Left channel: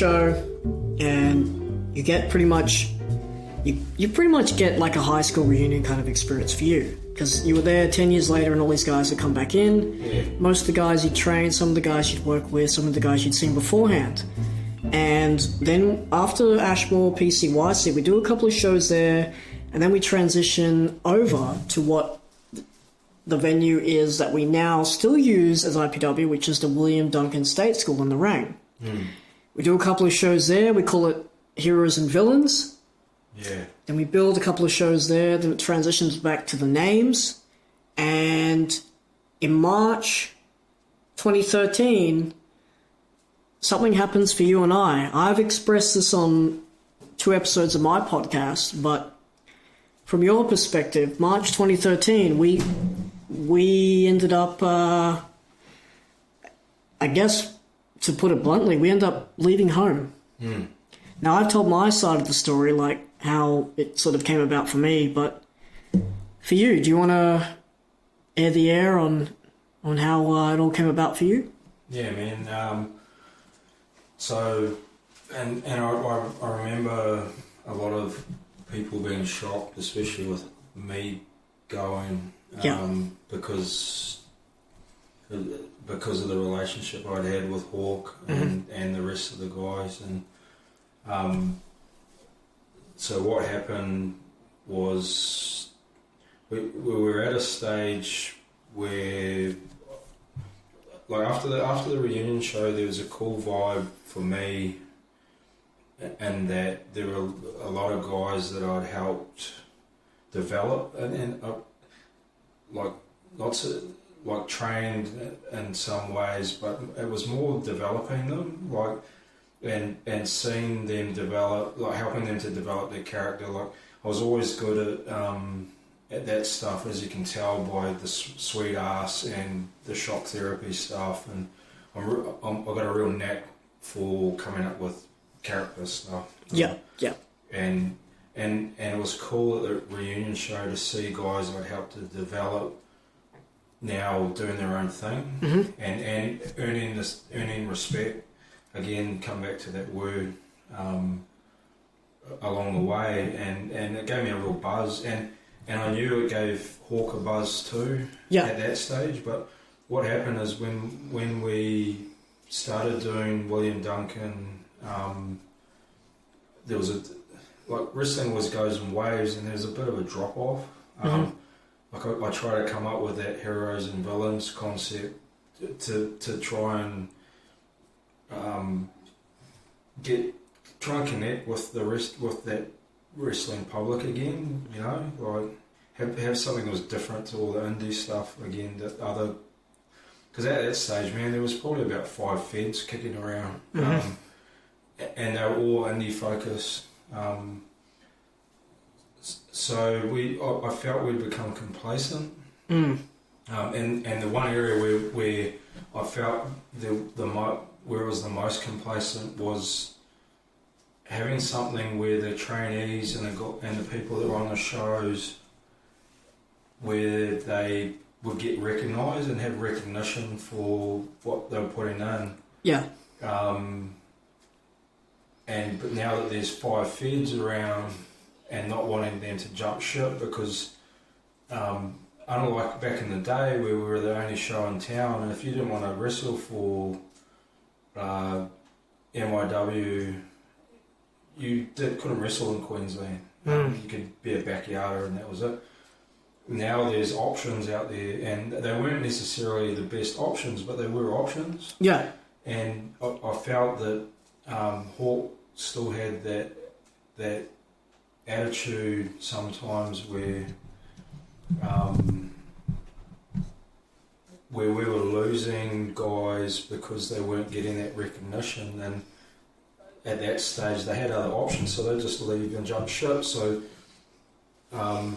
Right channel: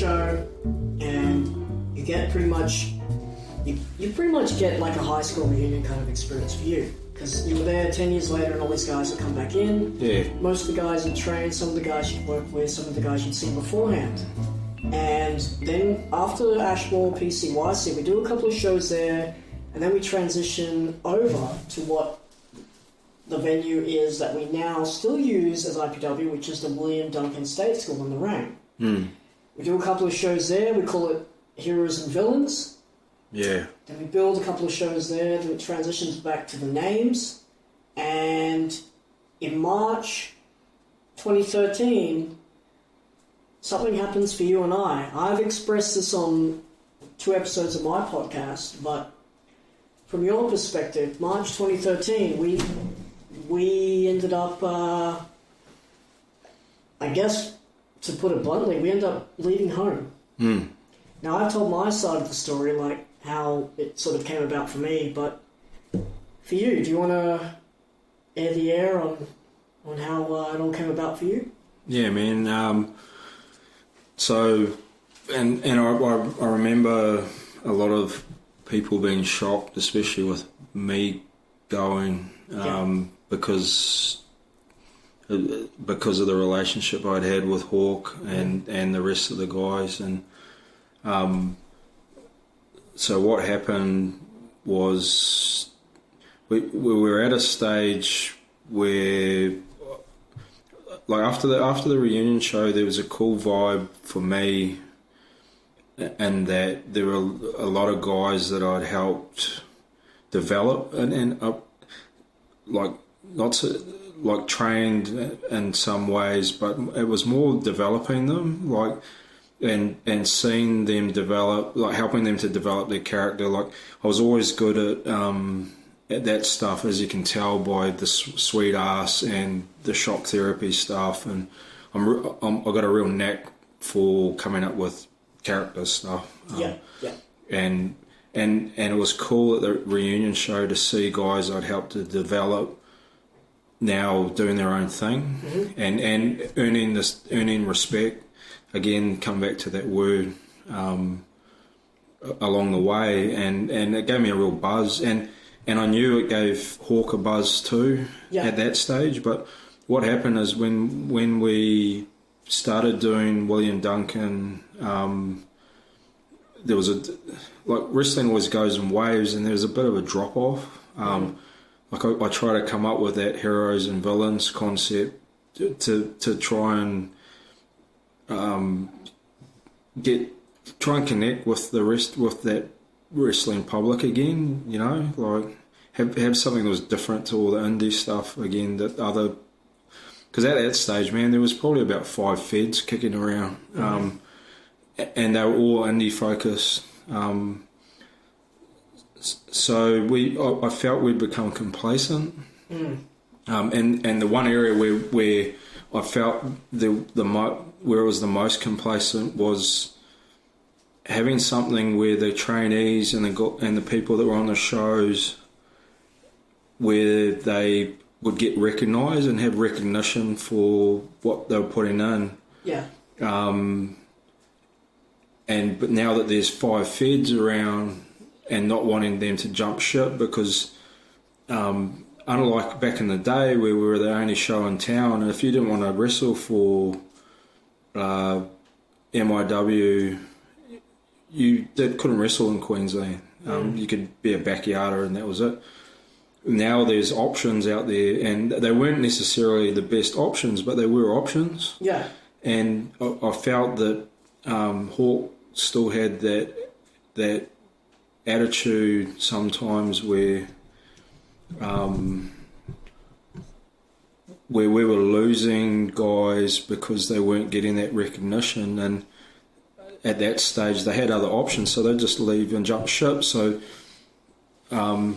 show, and you get pretty much get like a high school reunion kind of experience for you, because you were there 10 years later and all these guys have come back in. Yeah. Most of the guys you'd trained, some of the guys you'd worked with, some of the guys you'd seen beforehand. And then after Ashmore, PCYC, we do a couple of shows there, and then we transition over to what the venue is that we now still use as IPW, which is the William Duncan State School in the Rain. We do a couple of shows there. We call it Heroes and Villains. Yeah. Then we build a couple of shows there. Then it transitions back to the names. And in March 2013, something happens for you and I. I've expressed this on 2 episodes of my podcast, but from your perspective, March 2013, we ended up, I guess, to put it bluntly, we ended up leaving home. Now, I've told my side of the story, like how it sort of came about for me, but for you, do you want to air the air on how it all came about for you? Yeah, man. So, and I remember a lot of people being shocked, especially with me going, because of the relationship I'd had with Hawk and the rest of the guys. And so what happened was we were at a stage where, like, after the reunion show, there was a cool vibe for me, and that there were a lot of guys that I'd helped develop and like lots of, like, trained in some ways, but it was more developing them, like, and seeing them develop, like helping them to develop their character. Like, I was always good at that stuff, as you can tell by the sweet ass and the shock therapy stuff, and I've got a real knack for coming up with character stuff. And it was cool at the reunion show to see guys I'd helped to develop now doing their own thing, and earning respect. Again, come back to that word along the way, and it gave me a real buzz, and I knew it gave Hawk a buzz too at that stage. But what happened is when we started doing William Duncan, there was like, wrestling always goes in waves, and there was a bit of a drop off. Like, I try to come up with that heroes and villains concept to try and try and connect with that wrestling public again, you know, like have something that was different to all the indie stuff again, because at that stage, man, there was probably about 5 feds kicking around, and they were all indie focused. So I felt we'd become complacent, and the one area where I felt where it was the most complacent was having something where the trainees and the people that were on the shows, where they would get recognised and have recognition for what they were putting in. Yeah. But now that there's 5 feds around, and not wanting them to jump ship, because unlike back in the day where we were the only show in town, and if you didn't want to wrestle for MIW, you couldn't wrestle in Queensland. You could be a backyarder and that was it. Now there's options out there, and they weren't necessarily the best options, but they were options. Yeah. And I felt that Hawk still had that attitude sometimes where we were losing guys because they weren't getting that recognition, and at that stage they had other options, so they'd just leave and jump ship. So I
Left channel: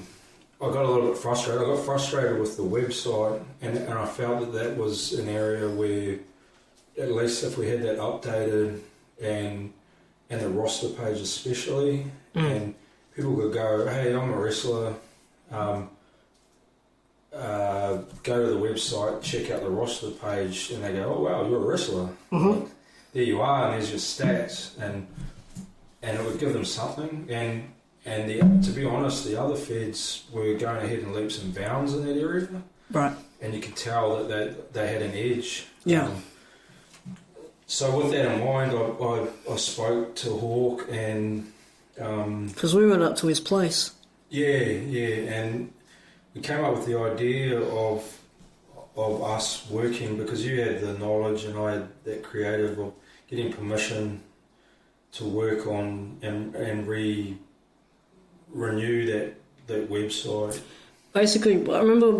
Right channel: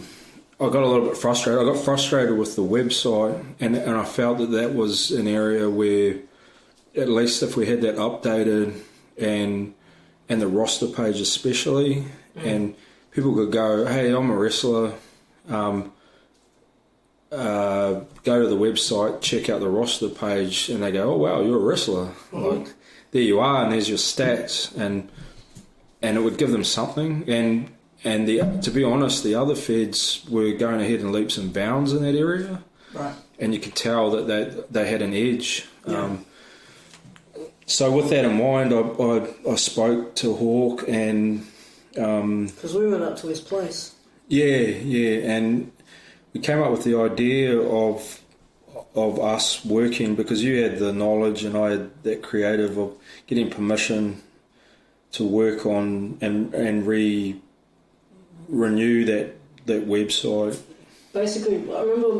got a little bit frustrated. I got frustrated with the website, and I felt that was an area where, at least if we had that updated and the roster page especially, and people could go, hey, I'm a wrestler, go to the website, check out the roster page, and they go, oh wow, you're a wrestler. there you are, and there's your stats, and it would give them something. And to be honest, the other feds were going ahead in leaps and bounds in that area, right? And you could tell that they had an edge. Yeah. So with that in mind, I spoke to Hawk, and because we went up to his place. Yeah, and we came up with the idea of us working, because you had the knowledge and I had that creative of getting permission to work on and renew that website. Basically, I remember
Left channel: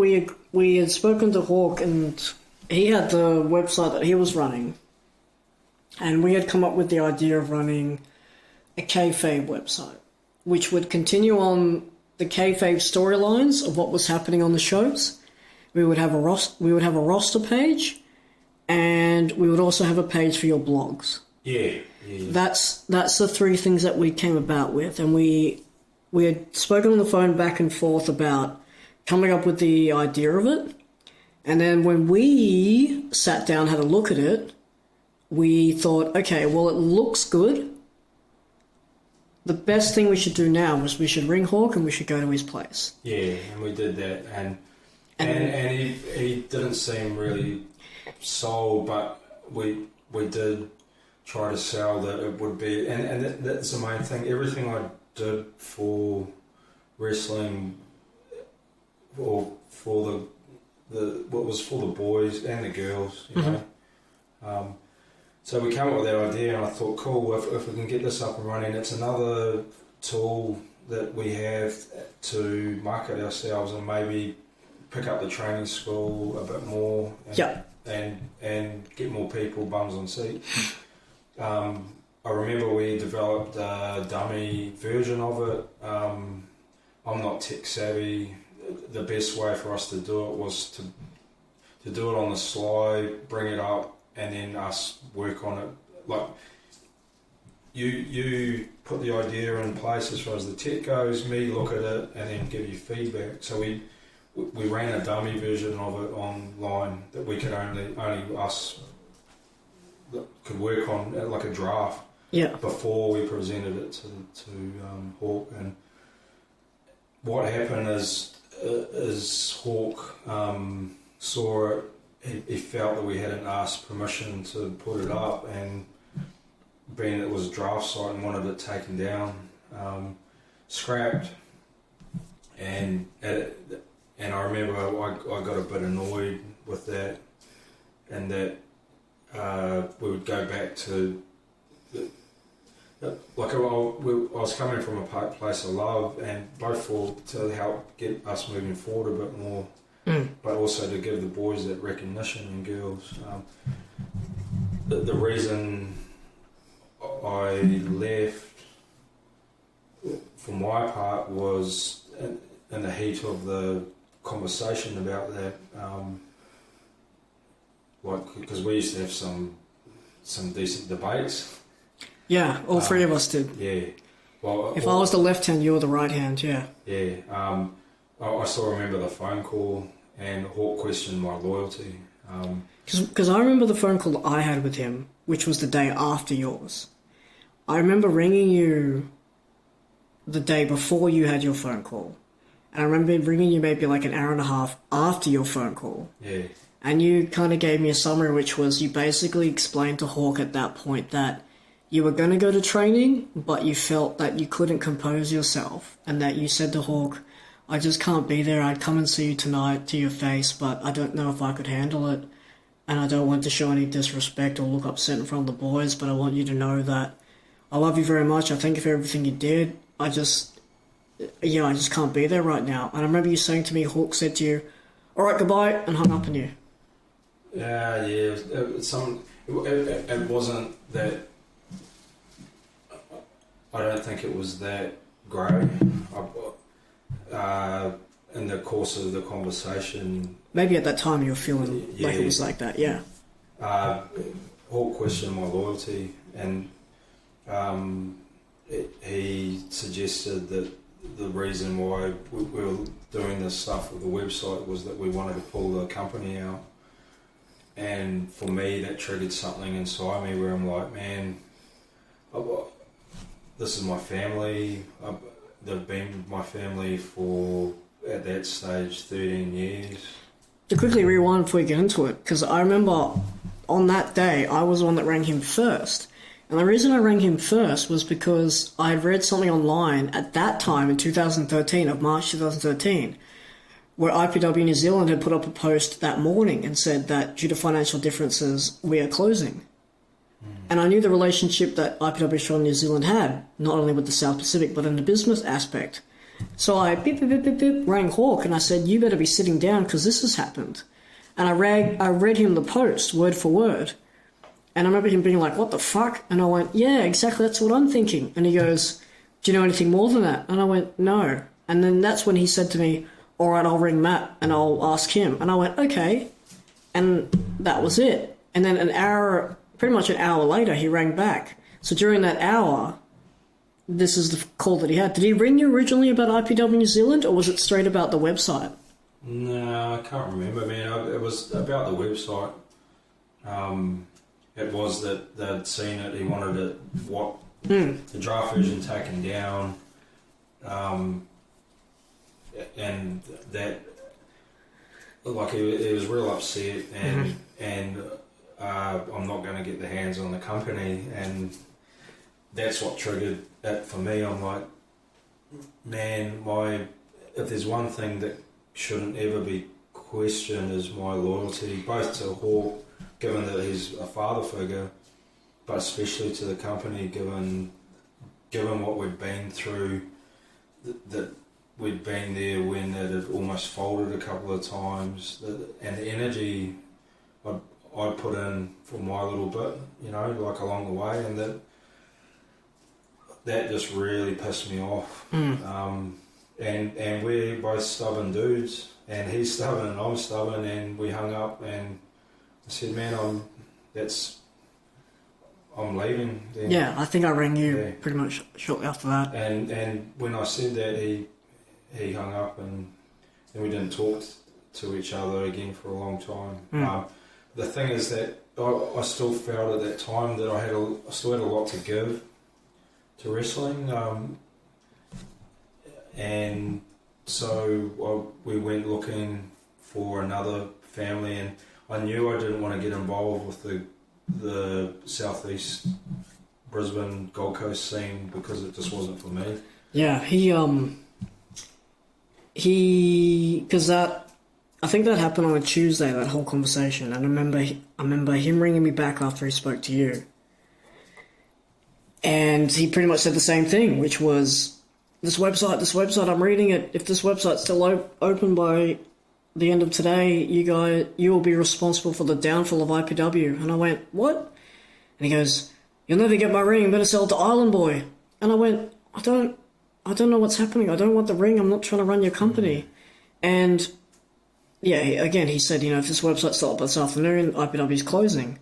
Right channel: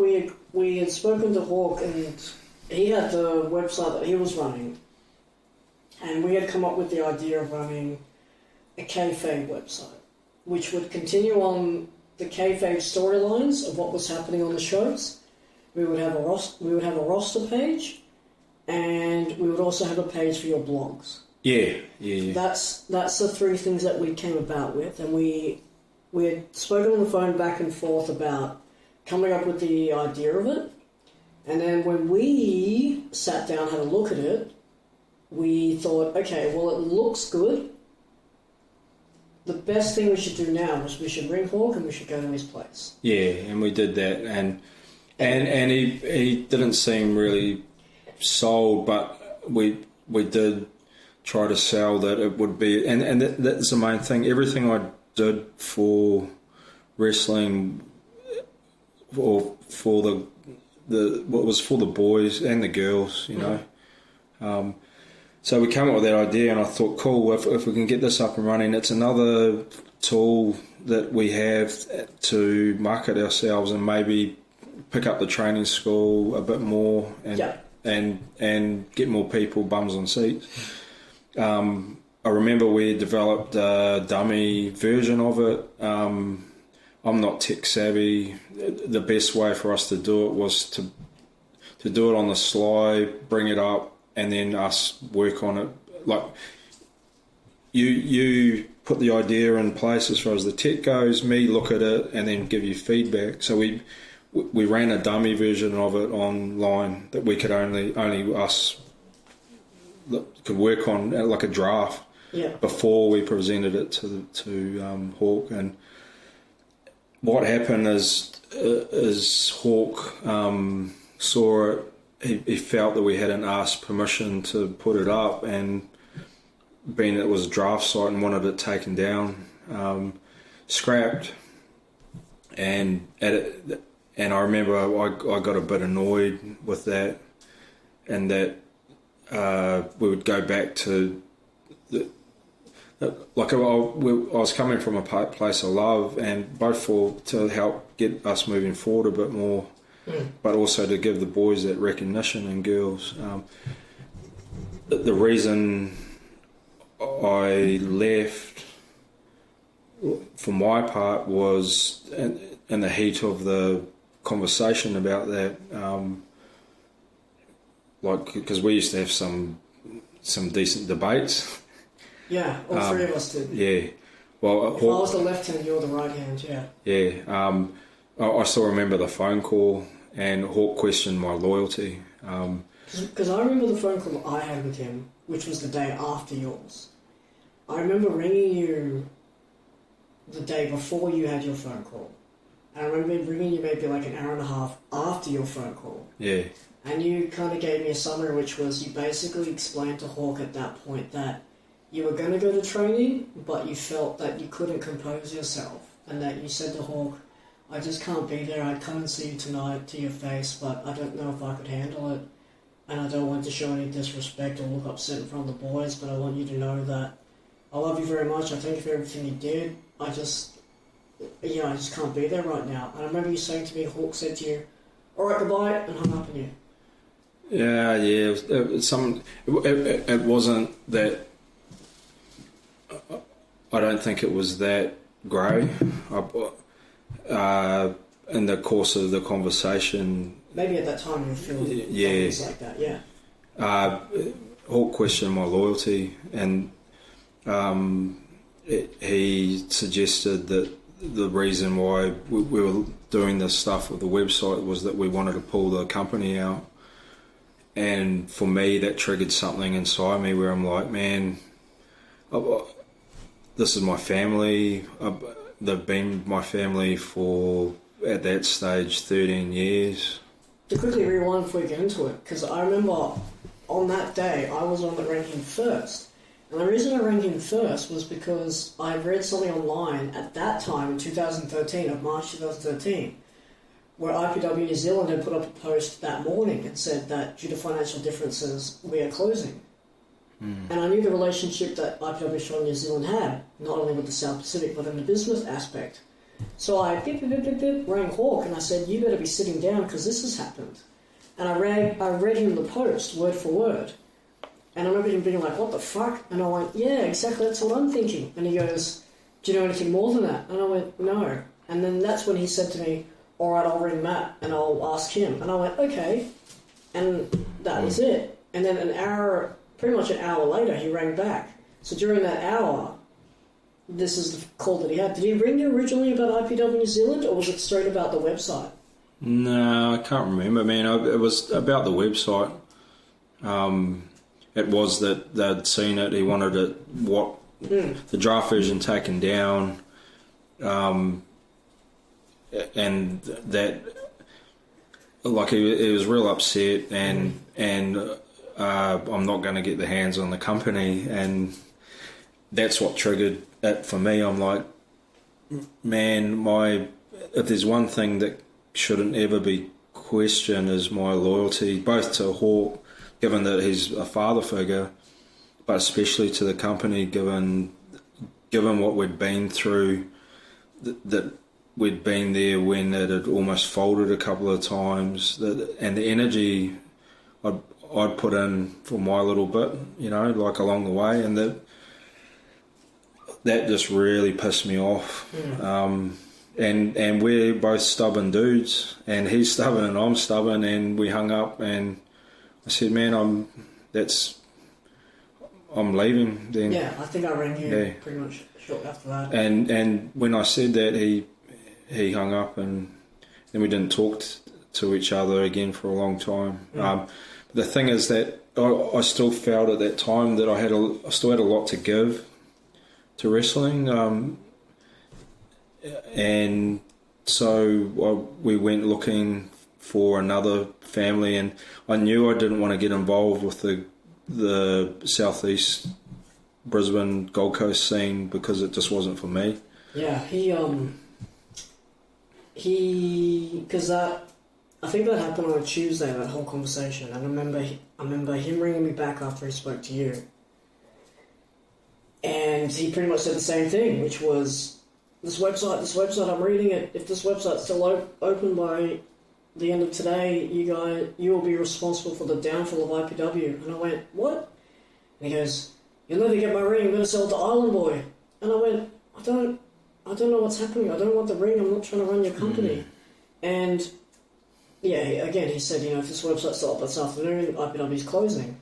we had spoken to Hawk, and he had the website that he was running, and we had come up with the idea of running a kayfabe website, which would continue on the kayfabe storylines of what was happening on the shows. We would have a roster page, and we would also have a page for your blogs. Yeah. That's the three things that we came about with, and we had spoken on the phone back and forth about coming up with the idea of it. And then when we sat down, had a look at it, we thought, okay, well, it looks good. The best thing we should do now was we should ring Hawk and we should go to his place. Yeah, and we did that, and he didn't seem really sold, but we did try to sell that it would be, and that's the main thing. Everything I did for wrestling, or for the what was for the boys and the girls, you know. So we came up with that idea, and I thought, cool, if we can get this up and running, it's another tool that we have to market ourselves and maybe pick up the training school a bit more, and get more people bums on seats. I remember we developed a dummy version of it. I'm not tech savvy. The best way for us to do it was to do it on the sly, bring it up, and then us work on it. Like you put the idea in place as far as the tech goes, me look at it and then give you feedback. So we ran a dummy version of it online that we could only us could work on, like a draft. Yeah. Before we presented it to Hawk. And what happened is Hawk saw it. He felt that we hadn't asked permission to put it up, and being it was a draft site and wanted it taken down, scrapped. And I remember I got a bit annoyed with that, and that we would go back to like I was coming from a place of love, and both to help get us moving forward a bit more, but also to give the boys that recognition, and girls. The reason I left, for my part, was in the heat of the conversation about that, like, because we used to have some decent debates. Yeah, all three of us did. Yeah. Well, if I was the left hand, you were the right hand. Yeah. Yeah. I still remember the phone call, and Hawk questioned my loyalty. Because I remember the phone call that I had with him, which was the day after yours. I remember ringing you the day before you had your phone call. And I remember ringing you maybe like an hour and a half after your phone call. Yeah. And you kind of gave me a summary, which was you basically explained to Hawk at that point that you were going to go to training, but you felt that you couldn't compose yourself, and that you said to Hawk, I just can't be there. I'd come and see you tonight to your face, but I don't know if I could handle it, and I don't want to show any disrespect or look upset in front of the boys, but I want you to know that I love you very much. I thank you for everything you did. I just can't be there right now. And I remember you saying to me, Hawk said to you, all right, goodbye, and hung up on you. Yeah. It wasn't that. I don't think it was that grey. In the course of the conversation, maybe at that time you were feeling like it was like that. Yeah. Hawk questioned my loyalty, and he suggested that the reason why we were doing this stuff with the website was that we wanted to pull the company out. and for me, that triggered something inside me where I'm like, man, this is my family. They've been my family for, at that stage, 13 years. To quickly rewind before we get into it, because I remember on that day, I was the one that rang him first. And the reason I rang him first was because I had read something online at that time in 2013, of March 2013, where IPW New Zealand had put up a post that morning and said that due to financial differences, we are closing. And I knew the relationship that IPW Australia New Zealand had, not only with the South Pacific, but in the business aspect. So I rang Hawk and I said, you better be sitting down because this has happened. And I read him the post, word for word. And I remember him being like, what the fuck? And I went, yeah, exactly, that's what I'm thinking. And he goes, do you know anything more than that? And I went, no. And then that's when he said to me, all right, I'll ring Matt and I'll ask him. And I went, okay. And that was it. And then pretty much an hour later, he rang back. So during that hour, this is the call that he had. Did he ring you originally about IPW New Zealand, or was it straight about the website? No, I can't remember, man. It was about the website. It was that they'd seen it. He wanted it, the draft version taken down, and that, like, he was real upset, and I'm not going to get the hands on the company, and that's what triggered it for me. I'm like, man, if there's one thing that shouldn't ever be questioned is my loyalty, both to Hawk, given that he's a father figure, but especially to the company, given what we'd been through, that we'd been there when it had almost folded a couple of times, and the energy I'd put in for my little bit, like along the way, and that just really pissed me off. And we're both stubborn dudes, and he's stubborn and I'm stubborn, and we hung up, and I said, man, I'm leaving then. Yeah, I think I rang you pretty much shortly after that. And when I said that, he hung up, and then we didn't talk to each other again for a long time. The thing is that I still felt at that time that I still had a lot to give to wrestling, and so we went looking for another family, and I knew I didn't want to get involved with the southeast Brisbane Gold Coast scene because it just wasn't for me. Yeah, because I think that happened on a Tuesday, that whole conversation, and I remember him ringing me back after he spoke to you, and he pretty much said the same thing, which was, this website, I'm reading it, if this website's still open by the end of today, you will be responsible for the downfall of IPW. And I went, what? And he goes, you'll never get my ring, better sell it to Island Boy. And I went, I don't know what's happening, I don't want the ring, I'm not trying to run your company. And yeah, again, he said, if this website's still up this afternoon, IPW's closing.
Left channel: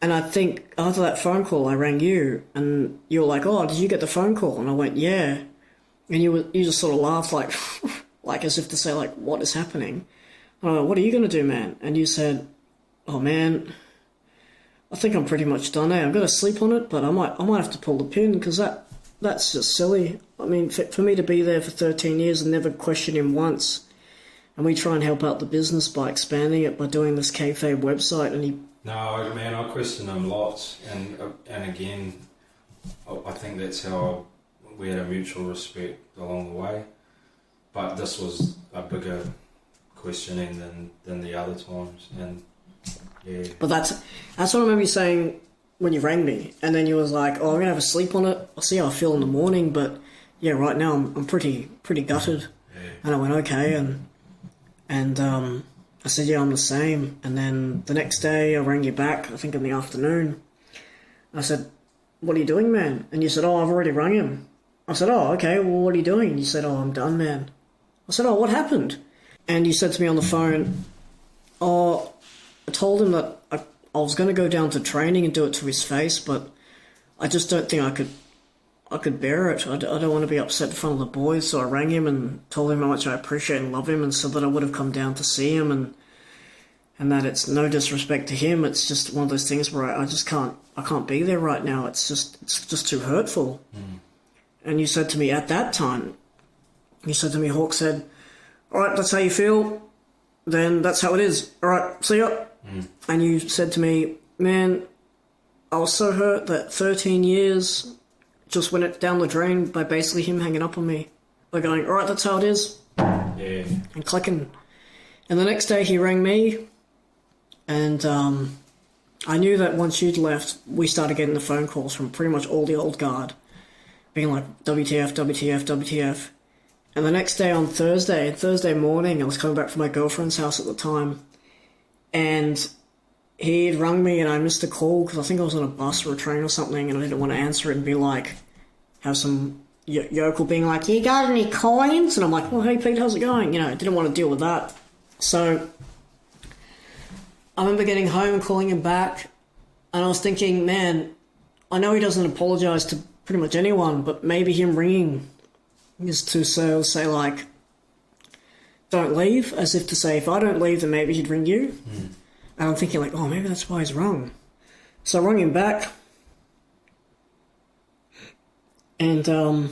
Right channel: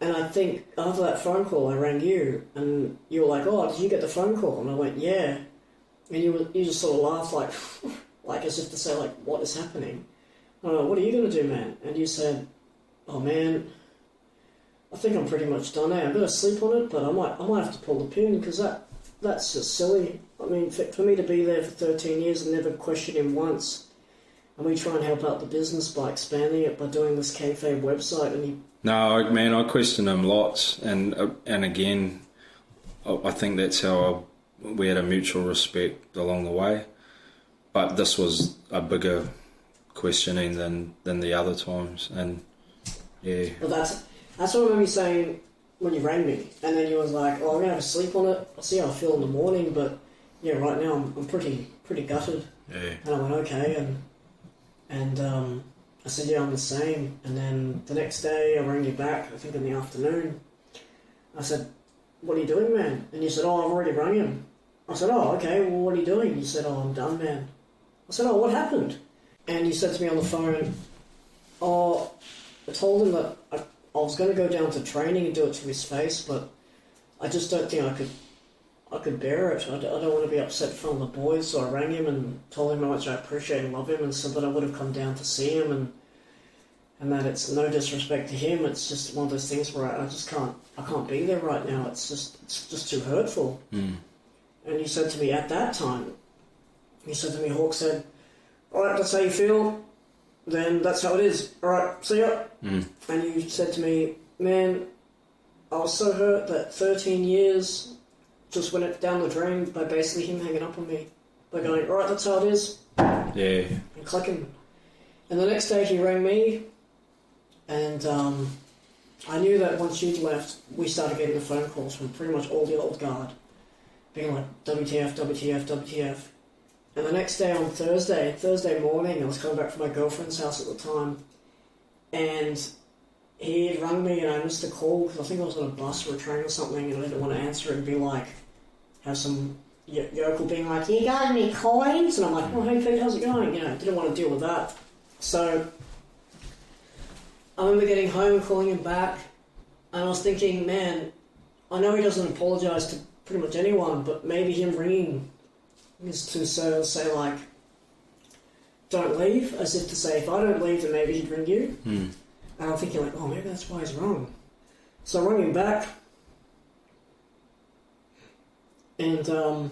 And I think after that phone call, I rang you, and you were like, oh, did you get the phone call? And I went, yeah. And you just sort of laughed, like as if to say, like, what is happening? And I went, what are you going to do, man? And you said, oh, man, I think I'm pretty much done now. I'm going to sleep on it, but I might have to pull the pin, because that's just silly. I mean, for me to be there for 13 years and never question him once, and we try and help out the business by expanding it, by doing this kayfabe website, and he... No, man, I question him lots, and again, I think that's how we had a mutual respect along the way, but this was a bigger questioning than the other times, and yeah. But that's what I remember you saying when you rang me, and then you was like, oh, I'm going to have a sleep on it, I'll see how I feel in the morning, but yeah, right now I'm pretty gutted. Yeah. And I went, okay, and I said, yeah, I'm the same. And then the next day I rang you back, I think in the afternoon. I said, what are you doing, man? And you said, oh, I've already rung him. I said, oh, okay, well, what are you doing? You said, oh, I'm done, man. I said, oh, what happened? And you said to me on the phone, oh, I told him that I was going to go down to training and do it to his face, but I just don't think I could bear it. I don't want to be upset in front of the boys, so I rang him and told him how much I appreciate and love him, and said that I would have come down to see him, and that it's no disrespect to him. It's just one of those things where I just can't be there right now. It's just too hurtful. And you said to me at that time, Hawk said, all right, that's how you feel, then that's how it is. All right, see ya. And you said to me, man, I was so hurt that 13 years just went down the drain by basically him hanging up on me. By going, all right, that's how it is. Yeah. And clicking. And the next day he rang me, and I knew that once you'd left, we started getting the phone calls from pretty much all the old guard, being like, WTF, WTF, WTF. And the next day on Thursday morning, I was coming back from my girlfriend's house at the time, and he had rung me and I missed a call because I think I was on a bus or a train or something, and I didn't want to answer it and be like, have some yokel being like, you got any coins? And I'm like, well, hey Pete, how's it going? You know, I didn't want to deal with that. So I remember getting home and calling him back, and I was thinking, man, I know he doesn't apologise to pretty much anyone, but maybe him ringing is to say like, don't leave, as if to say, if I don't leave, then maybe he'd ring you. And I'm thinking like, oh, maybe that's why he's wrong. So I rang him back, and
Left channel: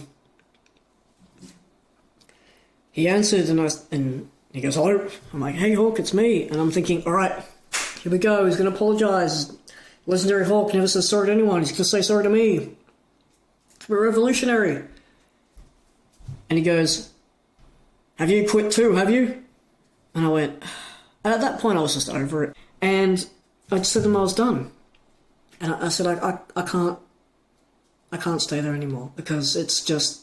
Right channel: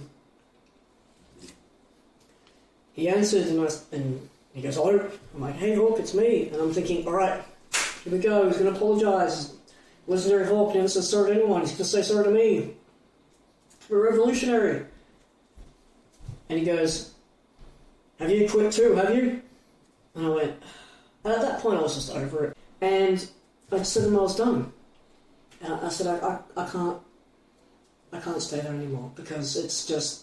he answered, and he goes, hello. I'm like, hey Hawk, it's me. And I'm thinking, all right, here we go. He's going to apologise. Legendary Hawk never says sorry to anyone. He's going to say sorry to me. We're revolutionary. And he goes, have you quit too, have you? And I went, and at that point I was just over it. And I just said to him I was done. And I said, I can't stay there anymore because it's just,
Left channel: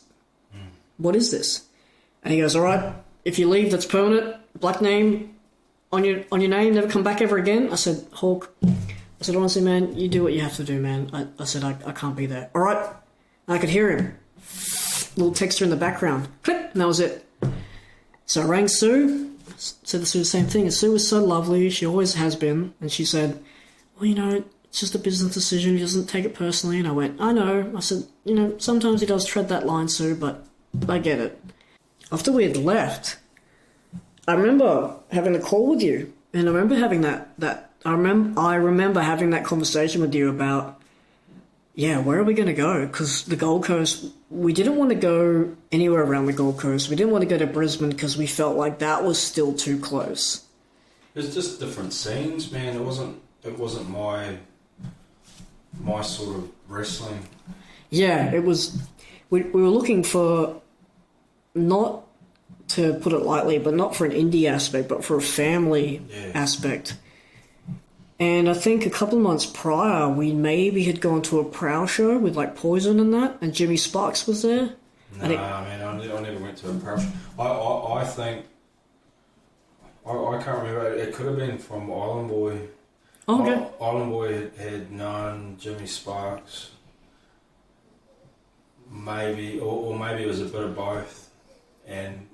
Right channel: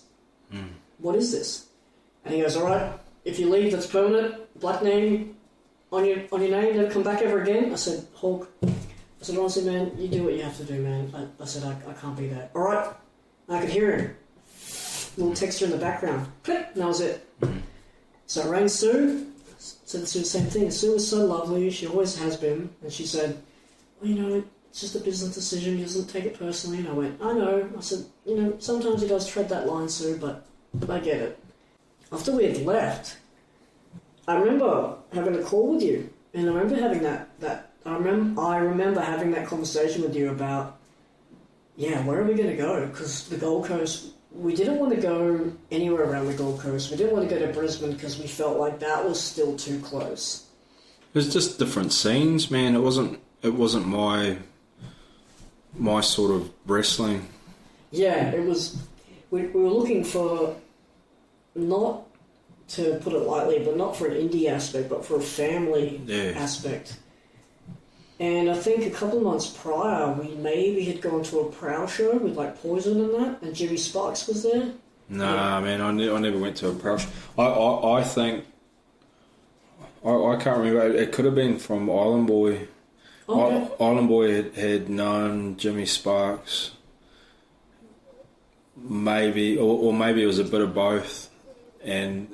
what is this? And he goes, all right, if you leave, that's permanent. Black name on your name, never come back ever again. I said, Hawk, I said, honestly, man, you do what you have to do, man. I said, I can't be there. All right. And I could hear him. Little texture in the background. Click, and that was it. So I rang Sue. Said to Sue the same thing. And Sue was so lovely. She always has been. And she said, well, you know, it's just a business decision. He doesn't take it personally. And I went, I know. I said, you know, sometimes he does tread that line, Sue, but I get it. After we had left, I remember having a call with you. And I remember having I remember having that conversation with you about, yeah, where are we going to go? Because the Gold Coast, we didn't want to go anywhere around the Gold Coast. We didn't want to go to Brisbane because we felt like that was still too close. It was just different scenes, man. It wasn't my sort of wrestling. Yeah, it was. We were looking for, not to put it lightly, but not for an indie aspect, but for a family aspect. And I think a couple of months prior, we maybe had gone to a Prowl show with like Poison and that, and Jimmy Sparks was there. Nah, man, I never went to a Prowl show. I think, I can't remember, it could have been from Island Boy. Oh, okay. Island Boy had known Jimmy Sparks, maybe, or maybe it was a bit of both, and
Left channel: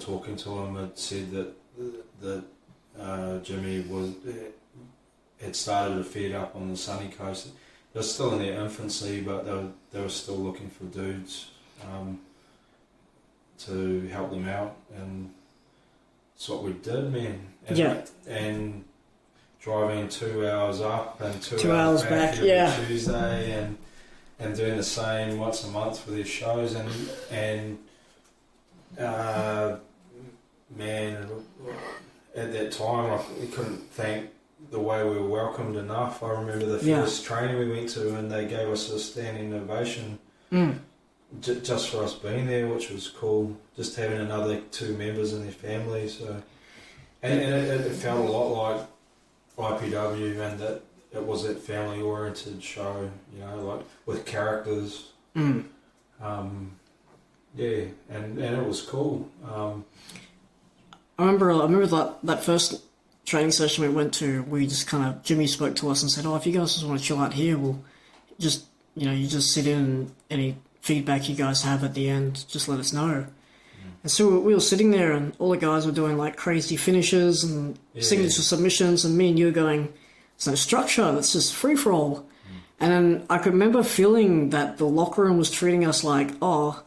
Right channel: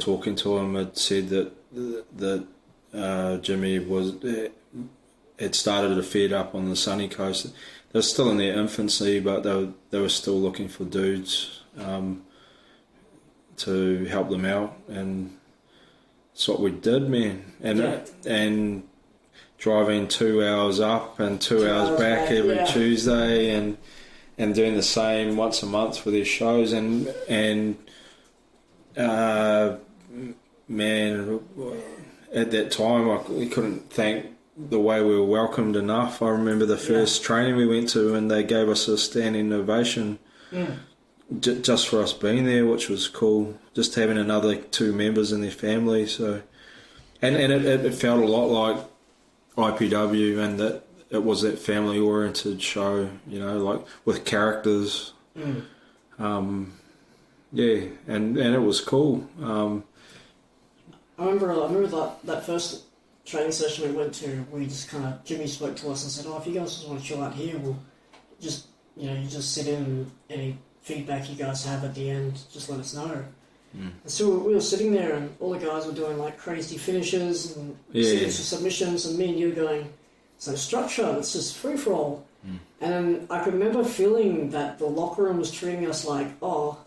talking to him, it said that Jimmy had started to feed up on the sunny coast. They were still in their infancy, but they were still looking for dudes to help them out, and that's what we did, man. And driving 2 hours up and 2 hours back every Tuesday, and doing the same once a month for their shows, and man, at that time we couldn't thank the way we were welcomed enough. I remember the first training we went to, and they gave us a standing ovation just for us being there, which was cool. Just having another two members in their family. So, and it felt a lot like IPW, and that it was that family oriented show. You know, like with characters. And it was cool. I remember that first training session we went to. We just kind of, Jimmy spoke to us and said, "Oh, if you guys just want to chill out here, we'll just, you just sit in, and any feedback you guys have at the end, just let us know." And so we were sitting there, and all the guys were doing like crazy finishes and signature submissions, and me and you were going, "There's no structure. It's just free for all." And then I could remember feeling that the locker room was treating us like, "Oh,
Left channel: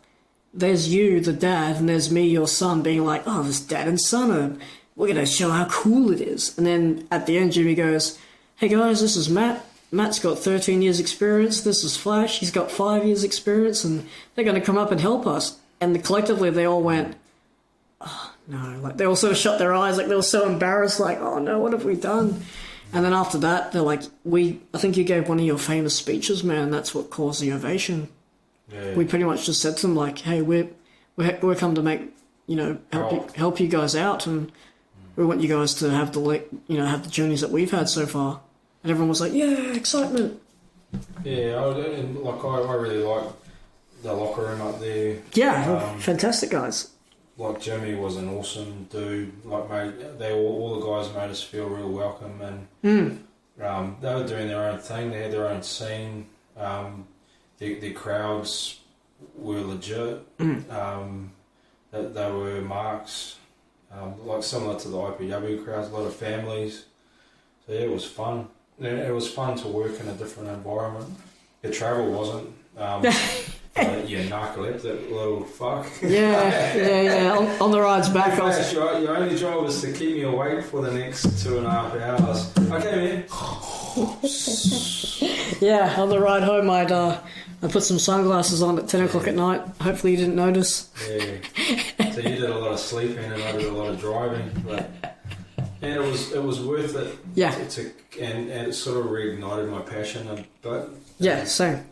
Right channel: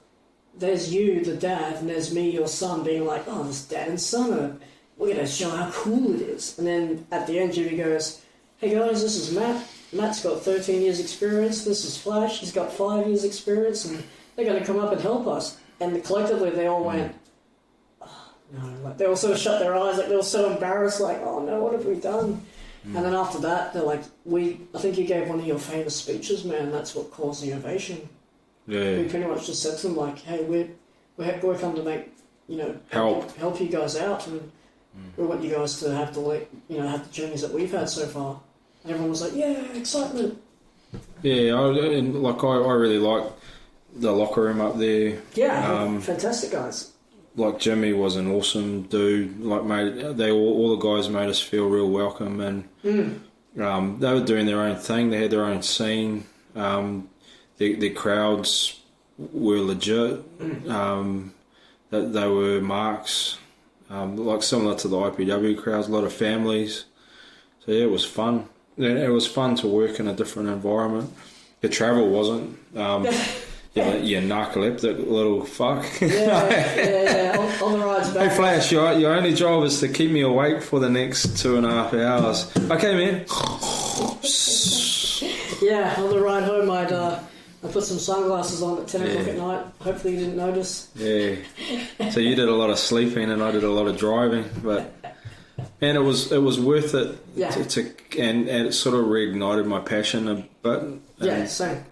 there's you, the dad, and there's me, your son," being like, "Oh, this dad and son are we're going to show how cool it is. And then at the end, Jimmy goes, hey guys, this is Matt. Matt's got 13 years experience. This is Flash. He's got 5 years experience, and they're going to come up and help us. And collectively, they all went, oh, no. Like, they all sort of shut their eyes. Like, they were so embarrassed. Like, oh, no, what have we done? And then after that, they're like, I think you gave one of your famous speeches, man. That's what caused the ovation. Yeah. We pretty much just said to them, like, hey, we're come to make, help you guys out. And we want you guys to have have the journeys that we've had so far. And everyone was like, yeah, excitement. Yeah, I really like the locker room up there. Yeah, fantastic guys. Like Jimmy was an awesome dude. Like all the guys made us feel real welcome, and they were doing their own thing. They had their own scene. The crowds were legit. They were marks, like similar to the IPW crowds. A lot of families. So yeah, it was fun. It was fun to work in a different environment. The travel wasn't. You narcoleptic little fuck. Yeah. On the rides back. Hey Flash, your only job is to keep me awake for the next 2.5 hours. Okay, man. Yeah, on the ride home, I put some sunglasses on at 10 o'clock at night. Hopefully you didn't notice. Yeah. So you did a lot of sleeping and I did a lot of driving, and it was worth it. Yeah. And it sort of reignited my passion a bit. Yeah, same.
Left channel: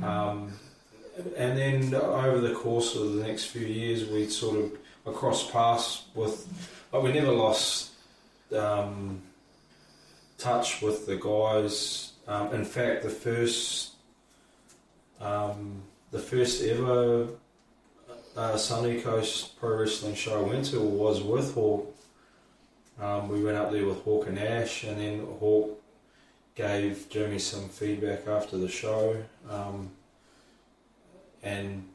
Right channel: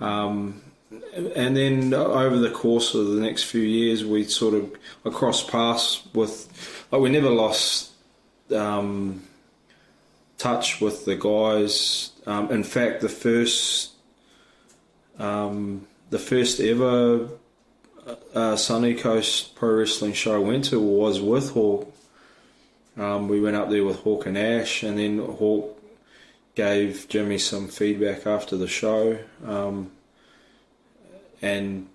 And then over the course of the next few years, we sort of crossed paths with. We never lost touch with the guys. In fact, the first ever Sunny Coast Pro Wrestling show I went to was with Hawk. We went up there with Hawk and Ash, and then Hawk gave Jimmy some feedback after the show. And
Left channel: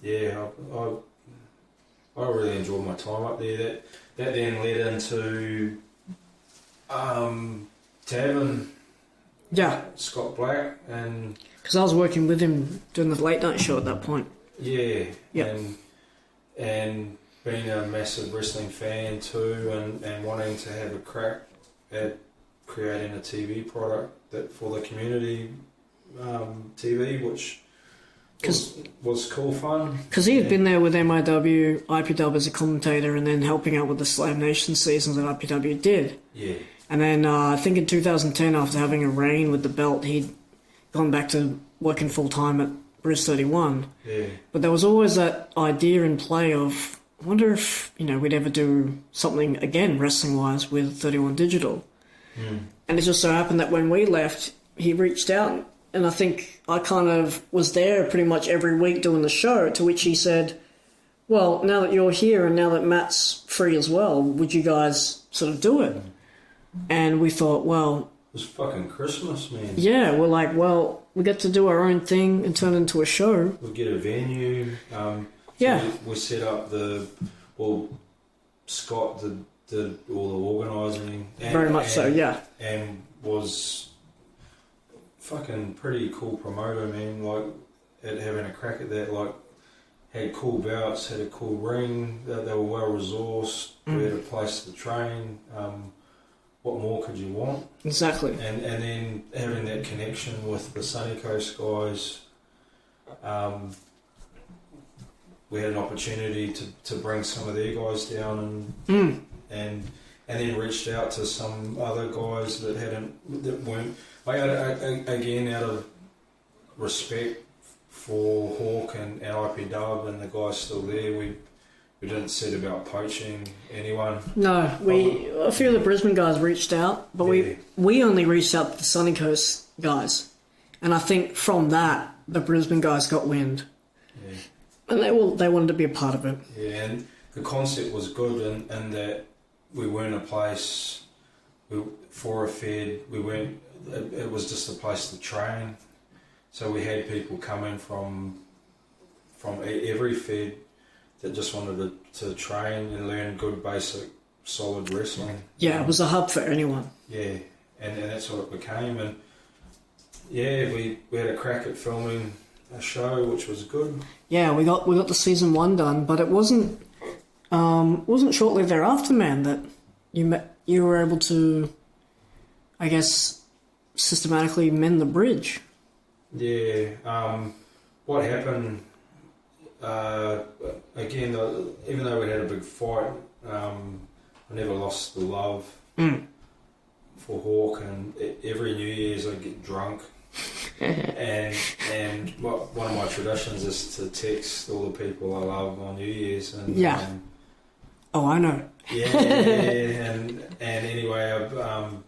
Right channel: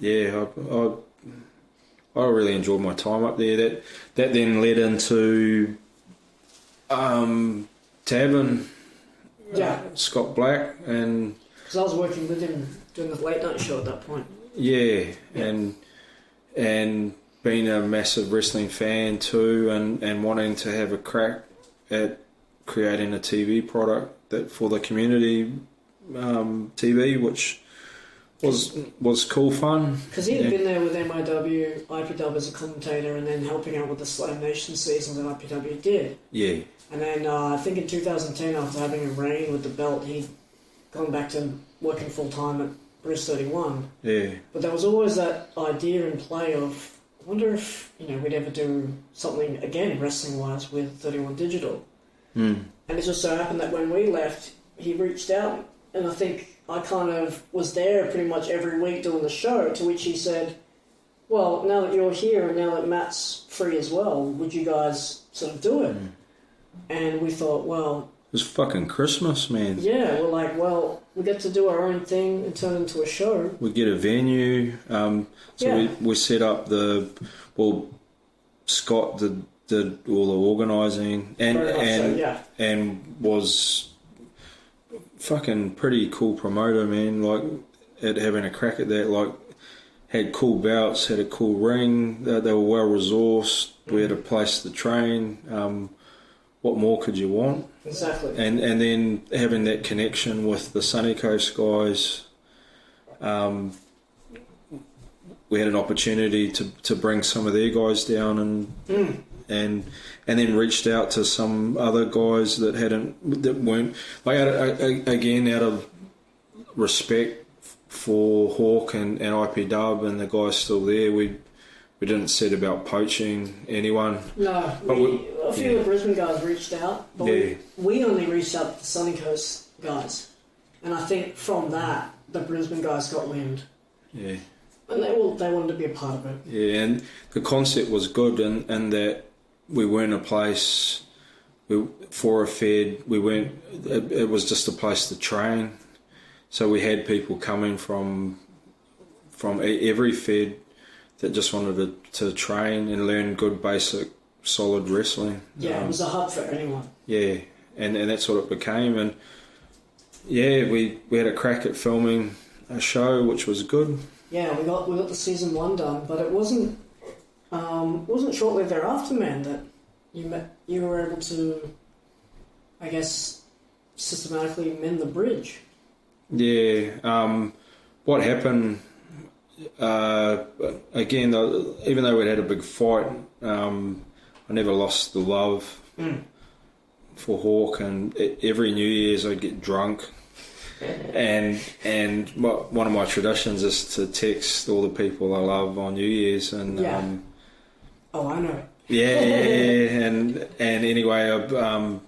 yeah, I really enjoyed my time up there. That then led into Tavern. Yeah, Scott Black, and because I was working with him doing the late night show at that point. Yeah. And being a massive wrestling fan too, and wanting to have a crack at creating a TV product that for the community TV, which was cool fun. Because he had been there with MIW, IPW as a commentator, and then helping out with the Slam Nation seasons that IPW did. Yeah. And then I think in 2010, after having a reign with the belt, he'd gone back to working full time at Bruce 31. Yeah. But there was always that idea in play of, I wonder if we'd ever do something again wrestling wise with 31 Digital. And it just so happened that when we left, he reached out, and I think I kind of was there pretty much every week doing the show, to which he said, well, now that you're here and now that Matt's free as well, would you guys sort of do it? And we thought, well... It was fucking Christmas, man. Yeah, we're like, well, we get to do our own thing and turn it into a show. We get a venue. We set up Scott did all the organising. Very much so, yeah. And was fucking pretty cool promoter, man. Like, at having a crack at that, like, had cool bouts, had a cool ring. They were well resourced. We had a place to train. What more could you want? Exactly. And then having that connection with the Sunny Coast guys, we had an opportunity to bring some of their guys down and then reached out to some other guys that weren't, like, again, out of respect for Hawk and IPW and the guys still there, we didn't set about poaching anyone. No, a few of the Brisbane guys reached out, but we only reached out to the Sunny Coast guys. And I think from that, the Brisbane guys got wind. Yeah. And they wanted to be a part of it. Yeah, and the concept was good in that we weren't a place for a fed. It was just a place to train. So we had people coming from every fed that just wanted to train and learn good, basic, solid wrestling. Yeah, it was a hub for anyone. Yeah, and that's what it became. And yeah, we had a crack at filming a show, which was good. Yeah, we got the season 1 done, but it wasn't shortly thereafter, man, that you were able to, I guess, systematically mend the bridge. Yeah. What happened? Again, even though we'd had a big fight, I never lost the love for Hawk, and every New Year's I'd get drunk. and one of my traditions is to text all the people I love on New Year's, and oh, I know. and anyway,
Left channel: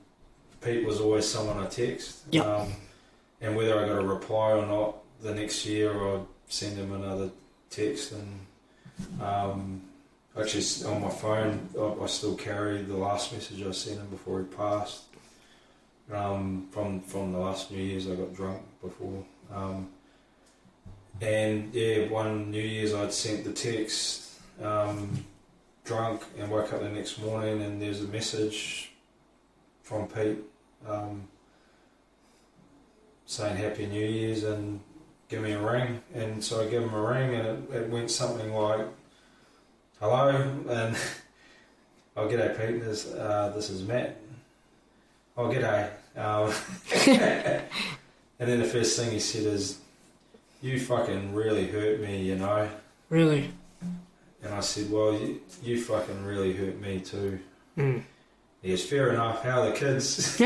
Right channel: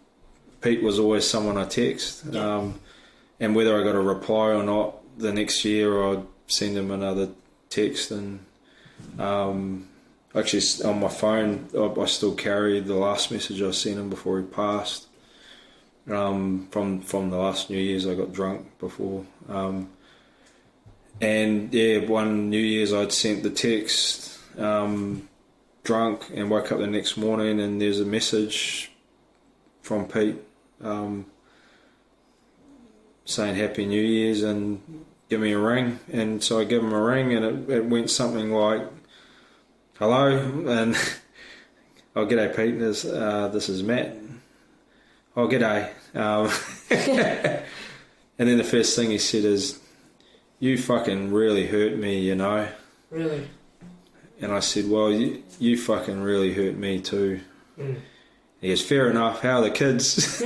Pete was always someone I text, and whether I got a reply or not, the next year I'd send him another text, and actually on my phone I still carry the last message I sent him before he passed. From the last New Year's I got drunk before, and one New Year's I'd sent the text drunk, and woke up the next morning and there's a message from Pete saying Happy New Year's and give me a ring. And so I gave him a ring, and it went something like, hello, and oh, g'day Pete, this is Matt. Oh, g'day. And then the first thing he said is, you fucking really hurt me, you know. Really? And I said, well, you fucking really hurt me too. He goes, fair enough, how are the kids?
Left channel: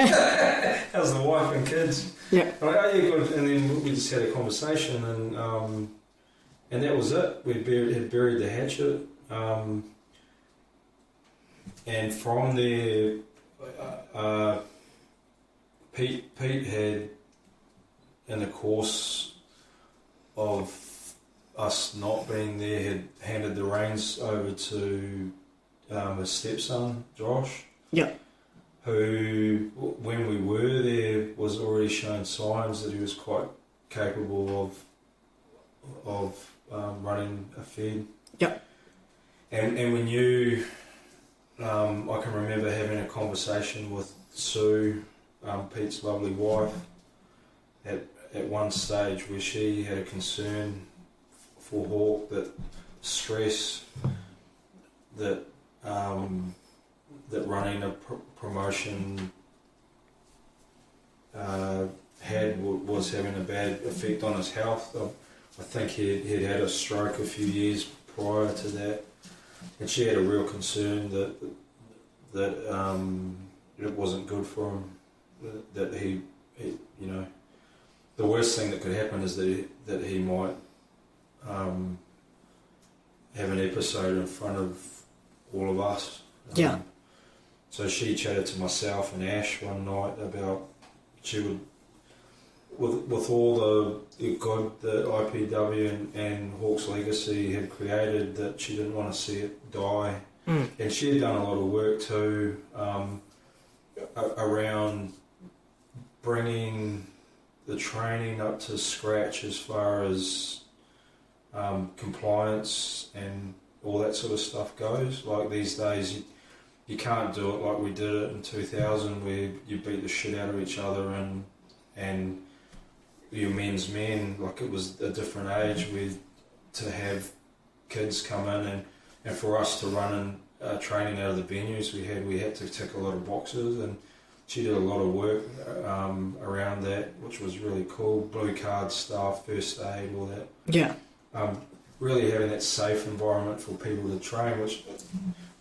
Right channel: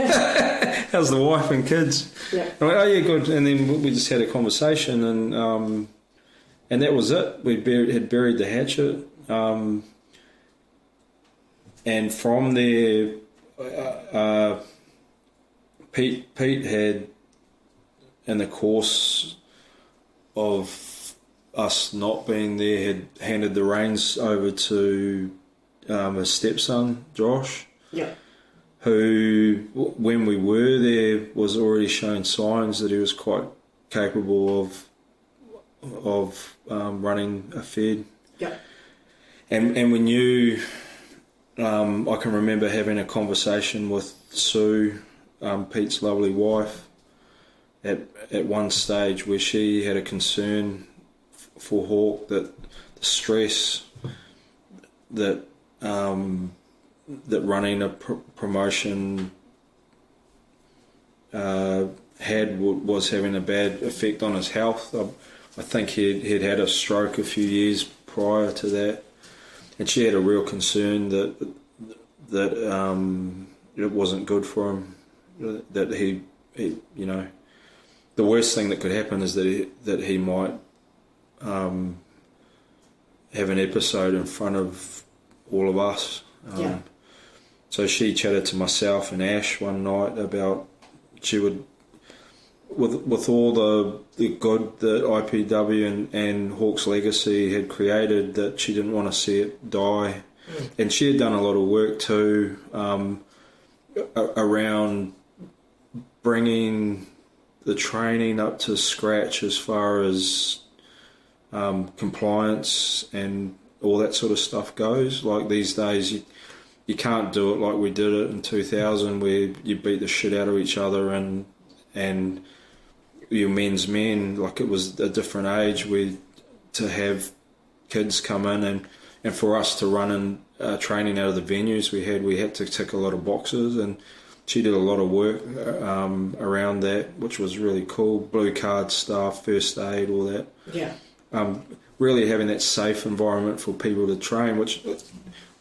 How's the wife and kids? Yeah. I went, oh yeah, good. And then we just had a conversation, and that was it. We had buried the hatchet. And from there, Pete had, in the course of us not being there, had handed the reins over to his stepson, Josh. Yeah. Who, when we were there, was already showing signs that he was quite capable of running a fed. Yeah. And we knew, I can remember having a conversation with Sue, Pete's lovely wife, at one stage where she had a concern for Hawk, that the stress that running a promotion was having a bad effect on his health. I think he'd had a stroke a few years prior to that, and she had a real concern that it wasn't good for him. That he you know, the worst thing that could happen is that he might have an episode in front of all of us. So she chatted to myself and Ash one night about she would, with all the good that IPW and Hawk's legacy had created, that she didn't want to see it die. And she had done a lot of work too around bringing the training up to scratch as far as compliance and all that sort of stuff goes. Like these days you can't do it like we did it in 2000, where you beat the shit out of each other and your men's men. Like, it was a different age where to have kids come in and for us to run in training out of the venues we had to tick a lot of boxes, and she did a lot of work around that, which was really cool. Blue card stuff, first aid, all that. Yeah. Really having that safe environment for people to train, which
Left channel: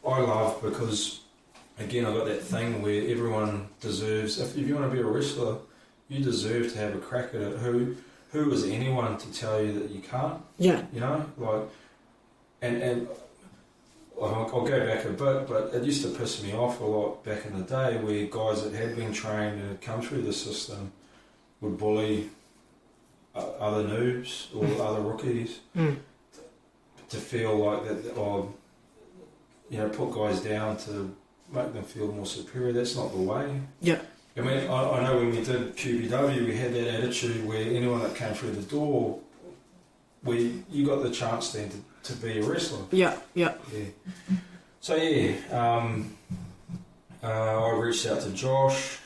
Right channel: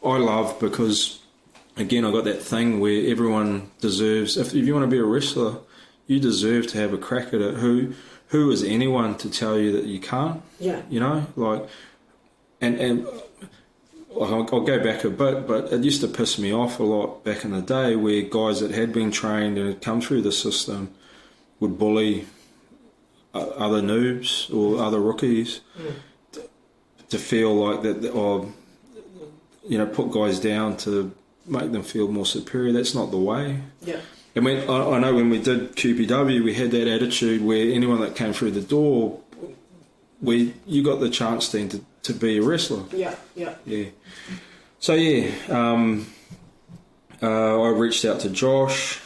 I love, because again, I got that thing where everyone deserves, if you want to be a wrestler, you deserve to have a crack at it. Who is anyone to tell you that you can't? Yeah. You know, like, and I'll go back a bit, but it used to piss me off a lot back in the day, where guys that had been trained and had come through the system would bully other noobs or other rookies to feel like that, or put guys down to make them feel more superior. That's not the way. Yeah. And I know when we did QPW, we had that attitude where anyone that came through the door, you got the chance then to be a wrestler. Yeah. So I reached out to Josh.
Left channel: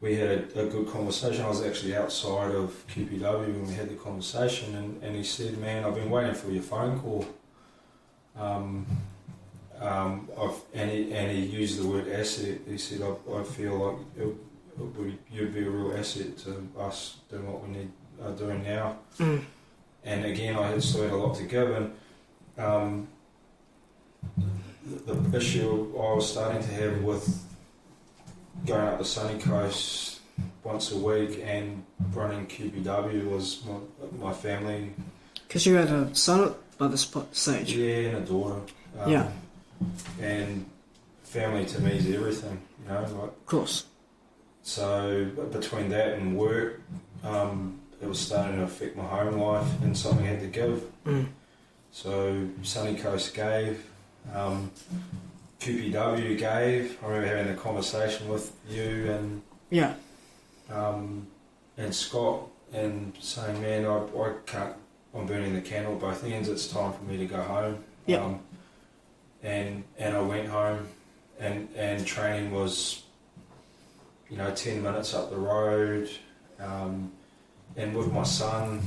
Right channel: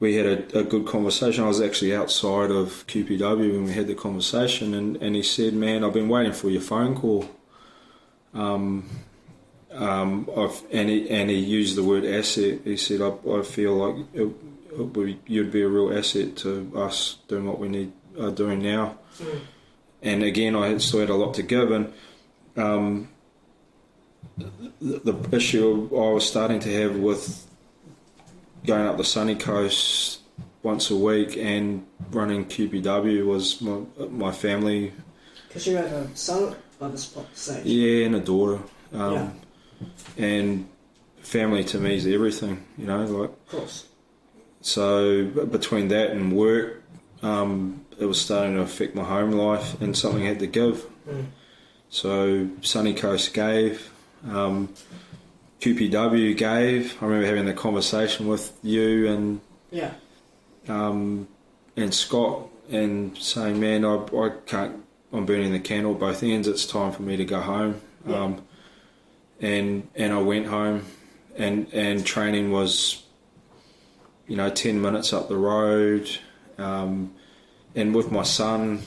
We had a good conversation. I was actually outside of QPW when we had the conversation, and he said, man, I've been waiting for your phone call he used the word asset. He said, I feel like you'd be a real asset to us doing what we are doing now. And again, I still had a lot to give, and the issue I was starting to have with going up the sunny coast once a week and running QPW was my family. Because you had a son by this stage. Yeah, and a daughter. Yeah. And family to me is everything, you know. Like, Of course. So between that and work, it was starting to affect my home life, and something had to give. So Sunny Coast gave, QPW gave. I remember having the conversation with you and Scott, and saying, man, I can't. I'm burning the candle at both ends. It's time for me to go home. And I went home, and training was, 10 minutes up the road. And with my son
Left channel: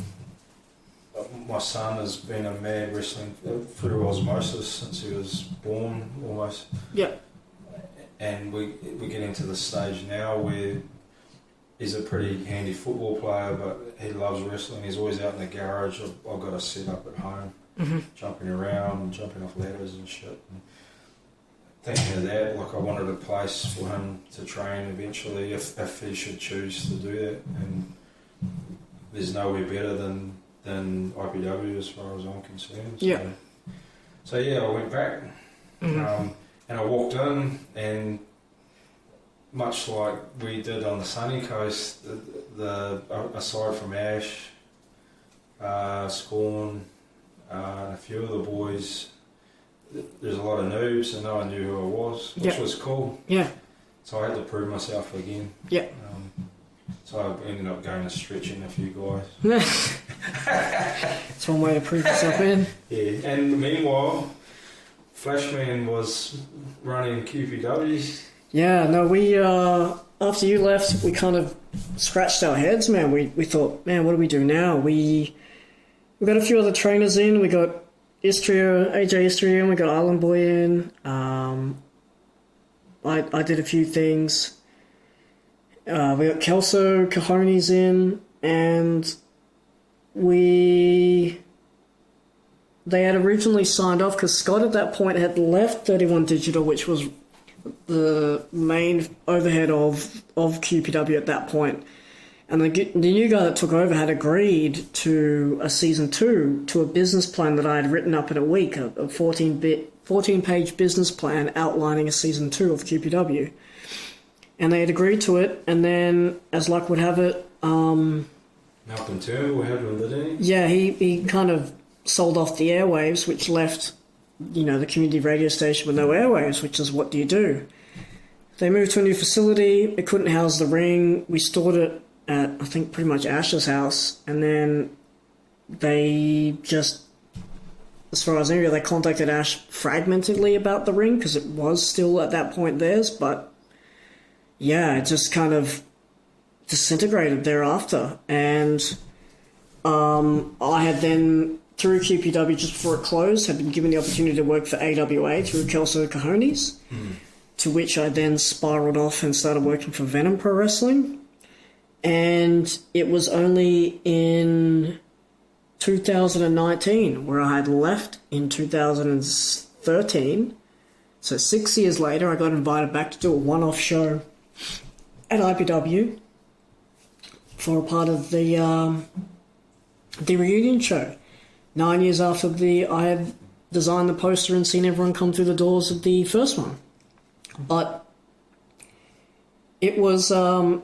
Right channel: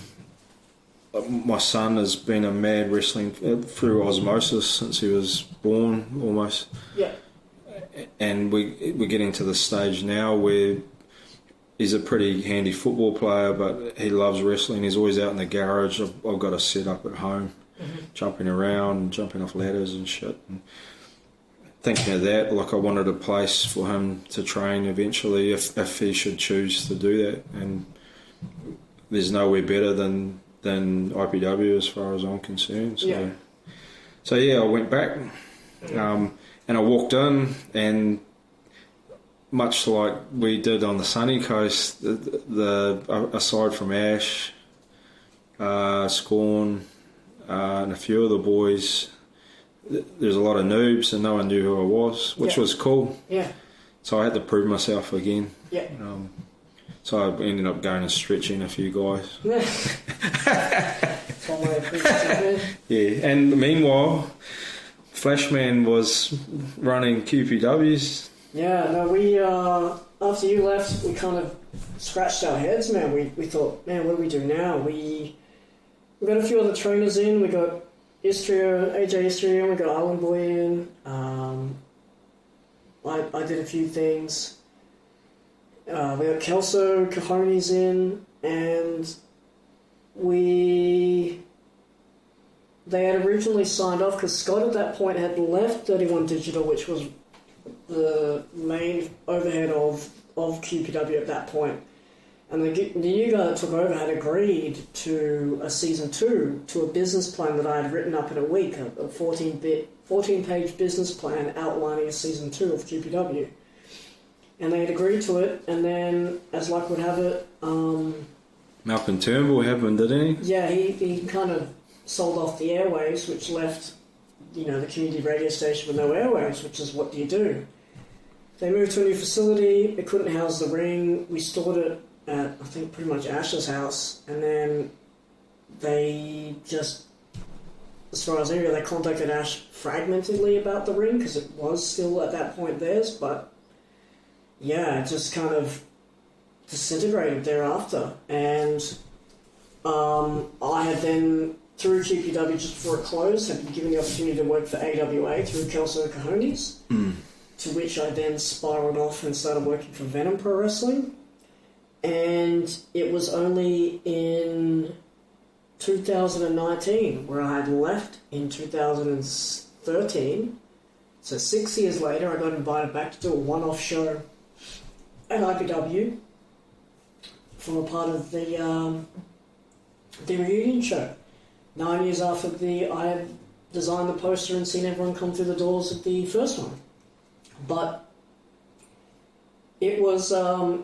has been a mad wrestling through osmosis since he was born, almost. Yeah. And we're getting to the stage now where he's a pretty handy football player, but he loves wrestling. He's always out in the garage. I've got a set up at home, jumping around, jumping off ladders and shit. And thinking of that, like, I wanted a place for him to train eventually if he should choose to do that. And there's nowhere better than IPW as far as I'm concerned. So I went back, and I walked in, and much like we did on the sunny coast, the aside from Ash, Scorn, and a few of the boys, there's a lot of noobs, and no one knew who I was, which was cool. Yeah. So I had to prove myself again. Yeah. So I ended up going and stretching a few guys. That's one way to prove yourself in. Yeah, and meanwhile, Flashman was running QPWs. Yeah, no, we, after you left, we kind of scratched our heads, man. We thought, man, what do we do now? We got a few other trainers in. We got AJ Istria, and we got Island Boy in. I did a few things. We got Kelso Cajones in, and they had originally signed off because Scott at that point had left 31 Digital, which was the main overhead of QPW at that point. And the new guy that took over had agreed to a season 2, to a business plan that I had written up in a week, a 14-page business plan outlining a season 2 of QPW. And they had agreed to it, and then, as luck would have it, Malcolm Turnbull happened, didn't he? Yeah, he kind of sold off the airwaves, which left, the community radio station with no airwaves, which is, what do you do? They moved to a new facility. It couldn't house the ring. We stored it at, I think, pretty much Ash's house, and then they just, as far as I knew, they contacted Ash fragmentedly about the ring, because it was still at that point theirs, but yeah, it just kind of disintegrated thereafter. And I had then, through QPW, just before it closed, had been given the opportunity to work for AWA through Kelso Cajones, to which I then spiraled off and started working for Venom Pro Wrestling. And it was only in 2019, where I had left in 2013. So 6 years later, I got invited back to do a one-off show at IPW for a part of the reunion show. 9 years after I had designed the poster and seen everyone come through the doors of the first one. But it was a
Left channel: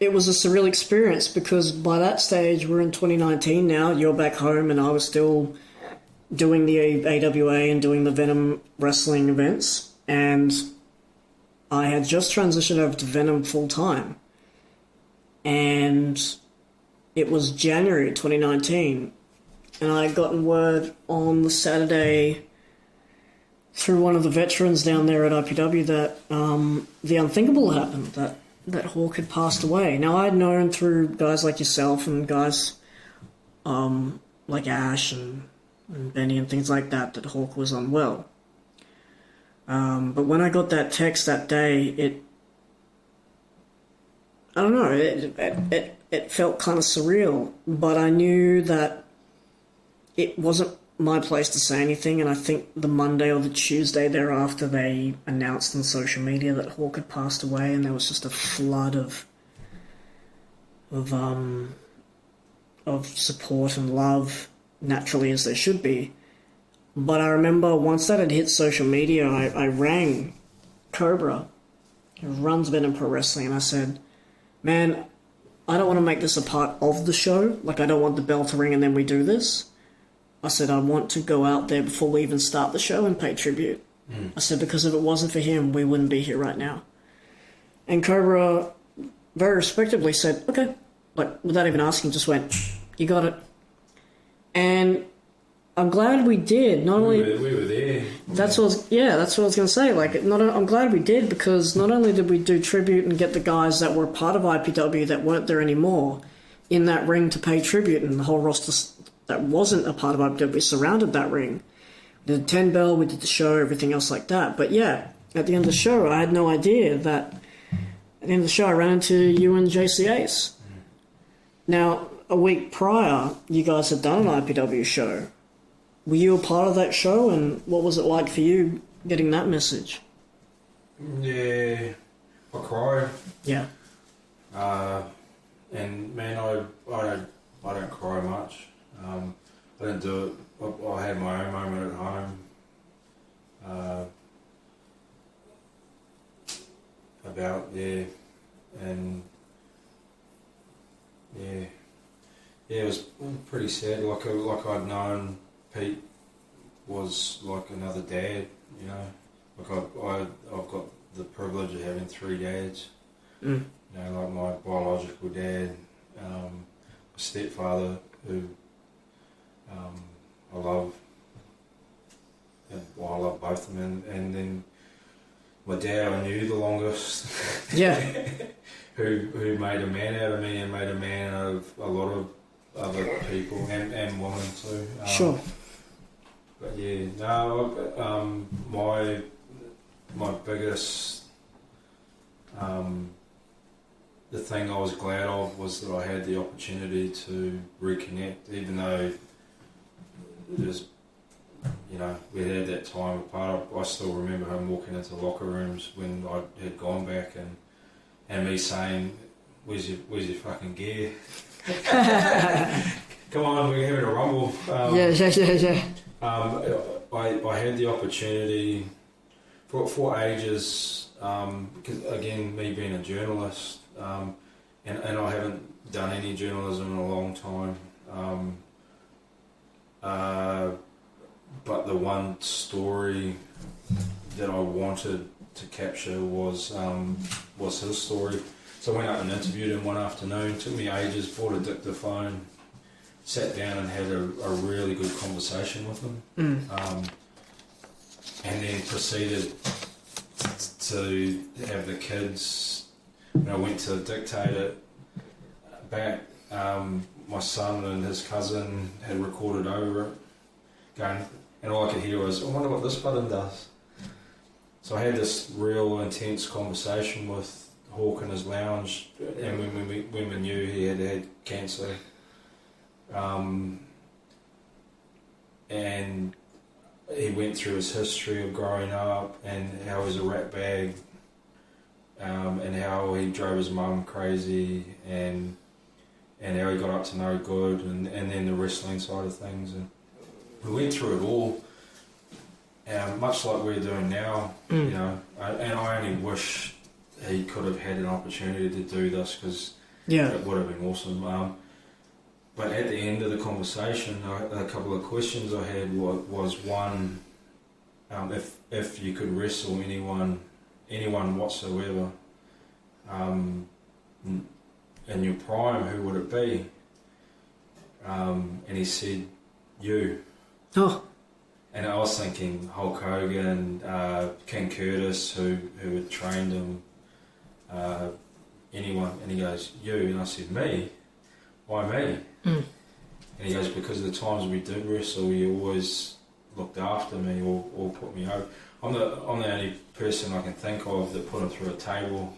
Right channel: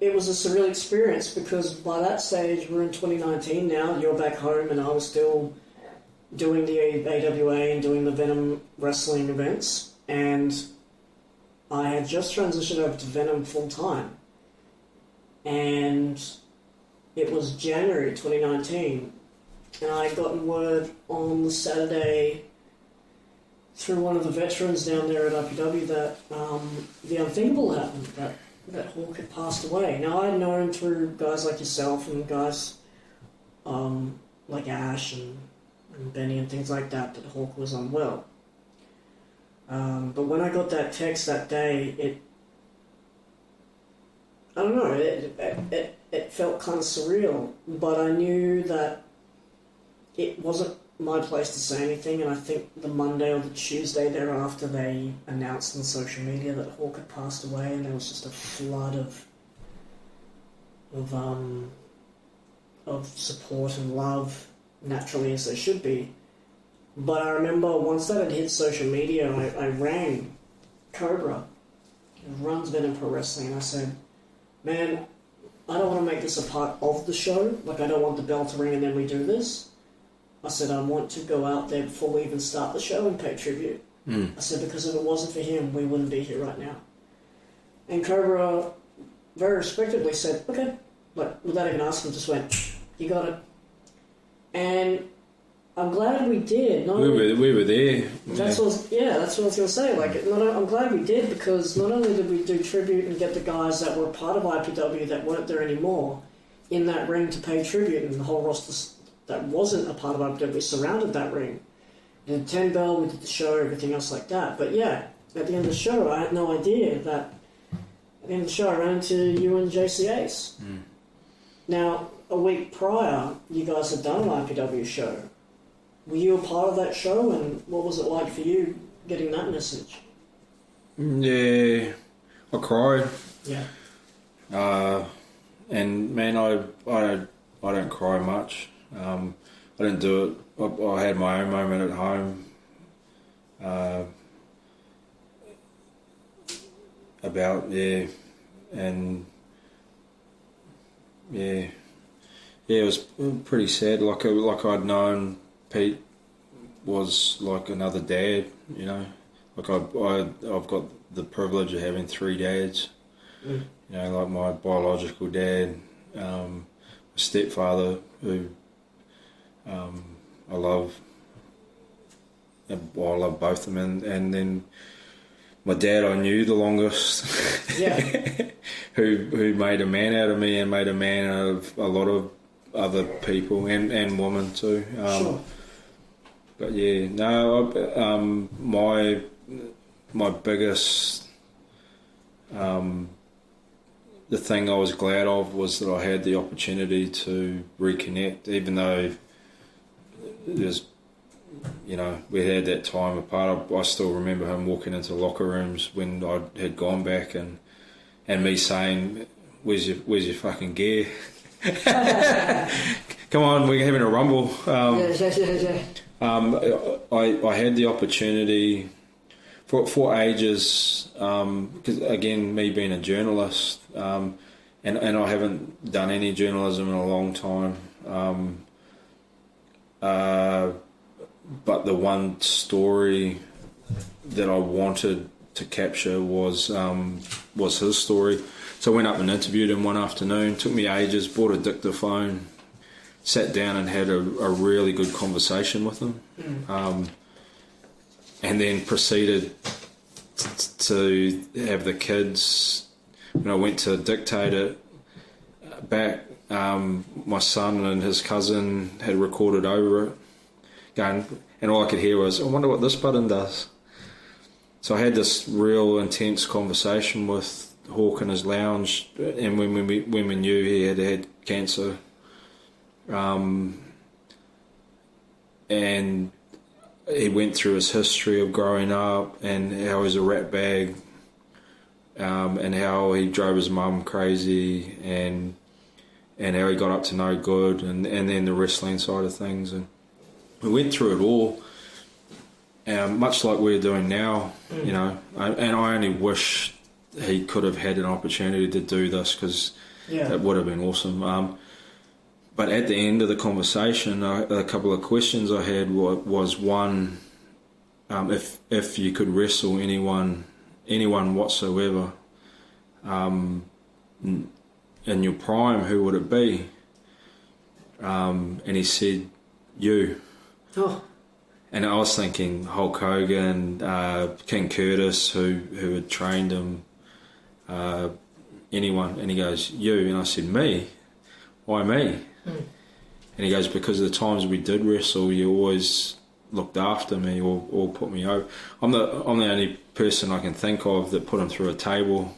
surreal experience, because by that stage, we're in 2019 now, you're back home, and I was still doing the AWA and doing the Venom wrestling events, and I had just transitioned over to Venom full-time. And it was January 2019, and I had gotten word on the Saturday through one of the veterans down there at IPW that the unthinkable happened, that Hawk had passed away. Now, I had known through guys like yourself and guys like Ash and and Benny and things like that Hawk was unwell. But when I got that text that day, I don't know, it felt kind of surreal, but I knew that it wasn't my place to say anything, and I think the Monday or the Tuesday thereafter they announced on social media that Hawk had passed away, and there was just a flood of support and love, naturally, as there should be. But I remember once that had hit social media, I rang Cobra, who runs Venom Pro Wrestling, and I said, man, I don't want to make this a part of the show. Like, I don't want the bell to ring and then we do this. I said, I want to go out there before we even start the show and pay tribute. I said, because if it wasn't for him, we wouldn't be here right now. And Cobra very respectably said, okay. Like, without even asking, just went, you got it. And I'm glad we did. Not only we were there. That's what I was going to say. Like, I'm glad we did, because not only did we do tribute and get the guys that were part of IPW that weren't there anymore in that ring to pay tribute, and the whole roster that wasn't a part of IPW surrounded that ring. We did the 10 bell, we did the show, everything else like that. But yeah, at the end of the show, I had no idea that at the end of the show, I ran into you and JC Ace. Now, a week prior, you guys had done an IPW show. Were you a part of that show, and what was it like for you getting that message? Yeah, I cried. Yeah. And man, I don't cry much. I didn't do it. I had my own moment at home. It was pretty sad. Like I'd known Pete was like another dad, you know. Like I've got the privilege of having 3 dads. You know, like my biological dad, my stepfather, who I love. I love both of them, and then my dad I knew the longest. Yeah. who made a man out of me and made a man out of a lot of other people and women too. Sure. But yeah, no, my biggest, the thing I was glad of was that I had the opportunity to reconnect, even though there's, you know, we had that time apart. I still remember him walking into locker rooms when I had gone back and me saying, where's your fucking gear? Come on, we're having a rumble. Yeah. I had the opportunity for ages, because again, me being a journalist, and I haven't done any journalism in a long time, but the one story that I wanted to capture was his story. So I went up and interviewed him one afternoon. Took me ages, bought a dictaphone, sat down and had a really good conversation with him. And then proceeded to have the kids, when I went to dictate it back, my son and his cousin had recorded over it, going, and all I could hear was, I wonder what this button does. So I had this real intense conversation with Hawk in his lounge, and when we knew he had cancer, and he went through his history of growing up and how he was a rat bag, and how he drove his mum crazy, and how he got up to no good, and then the wrestling side of things, and we went through it all, much like we're doing now, you know. And I only wish he could have had an opportunity to do this, because it would have been awesome. But at the end of the conversation, a couple of questions I had was one, if you could wrestle anyone whatsoever, in your prime, who would it be? And he said, you. Oh. And I was thinking Hulk Hogan, King Curtis, who had trained him, anyone. And he goes, you. And I said, me? Why me? And he goes, because of the times we did wrestle, you always looked after me or put me over. I'm the only person I can think of that put him through a table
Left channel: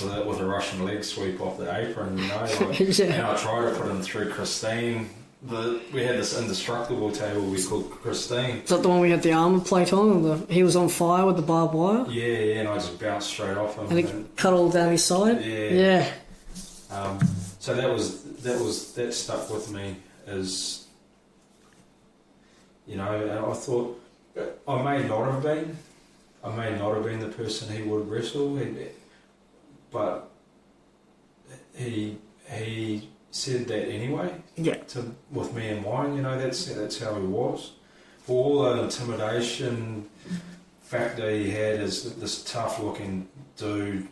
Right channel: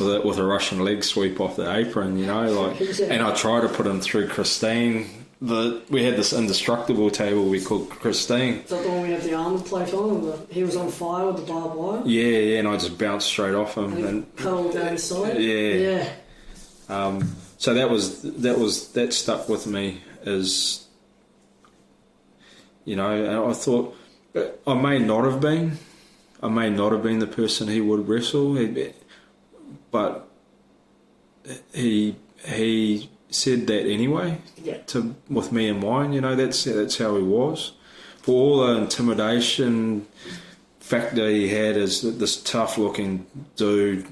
with a Russian leg sweep off the apron, you know. Like, Yeah. And I tried to put him through Christine. We had this indestructible table we called Christine. Is that the one we had the armour plate on? And he was on fire with the barbed wire? Yeah, and I just bounced straight off him. And it cut all down his side? Yeah. Yeah. So that stuck with me as, you know, and I thought I may not have been the person he would wrestle, but he said that anyway. Yeah. With me in mind, you know, that's how he was. For all the intimidation factor he had as this tough looking dude,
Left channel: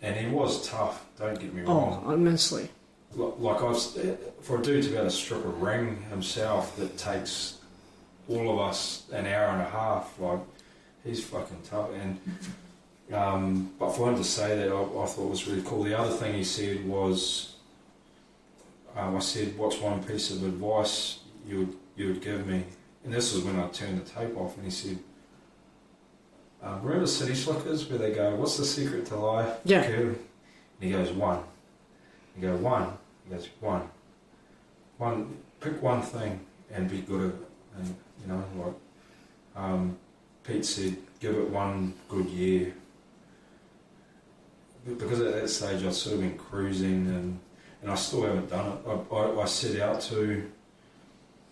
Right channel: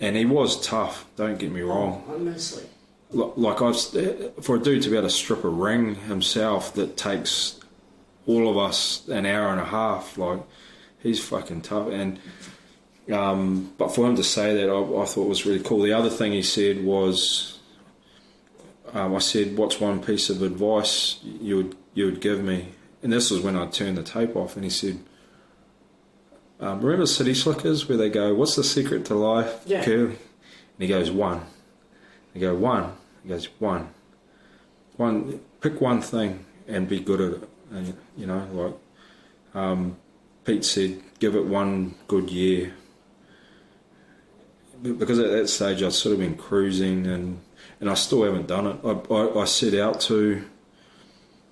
and he was tough. Don't get me wrong. Oh, immensely. Like for a dude to be able to strip a ring himself that takes all of us an hour and a half, like, he's fucking tough. And but for him to say that, I thought was really cool. The other thing he said was, I said, "What's one piece of advice you would give me?" And this was when I turned the tape off, and he said, "Remember City Slickers where they go, 'What's the secret to life?'" Yeah. Curly? And he goes, "One." He goes, "One." He goes, "One. Pick one thing and be good at it." And, you know, like Pete said, give it one good year. Because at that stage I'd sort of been cruising and I still haven't done it. I set out to,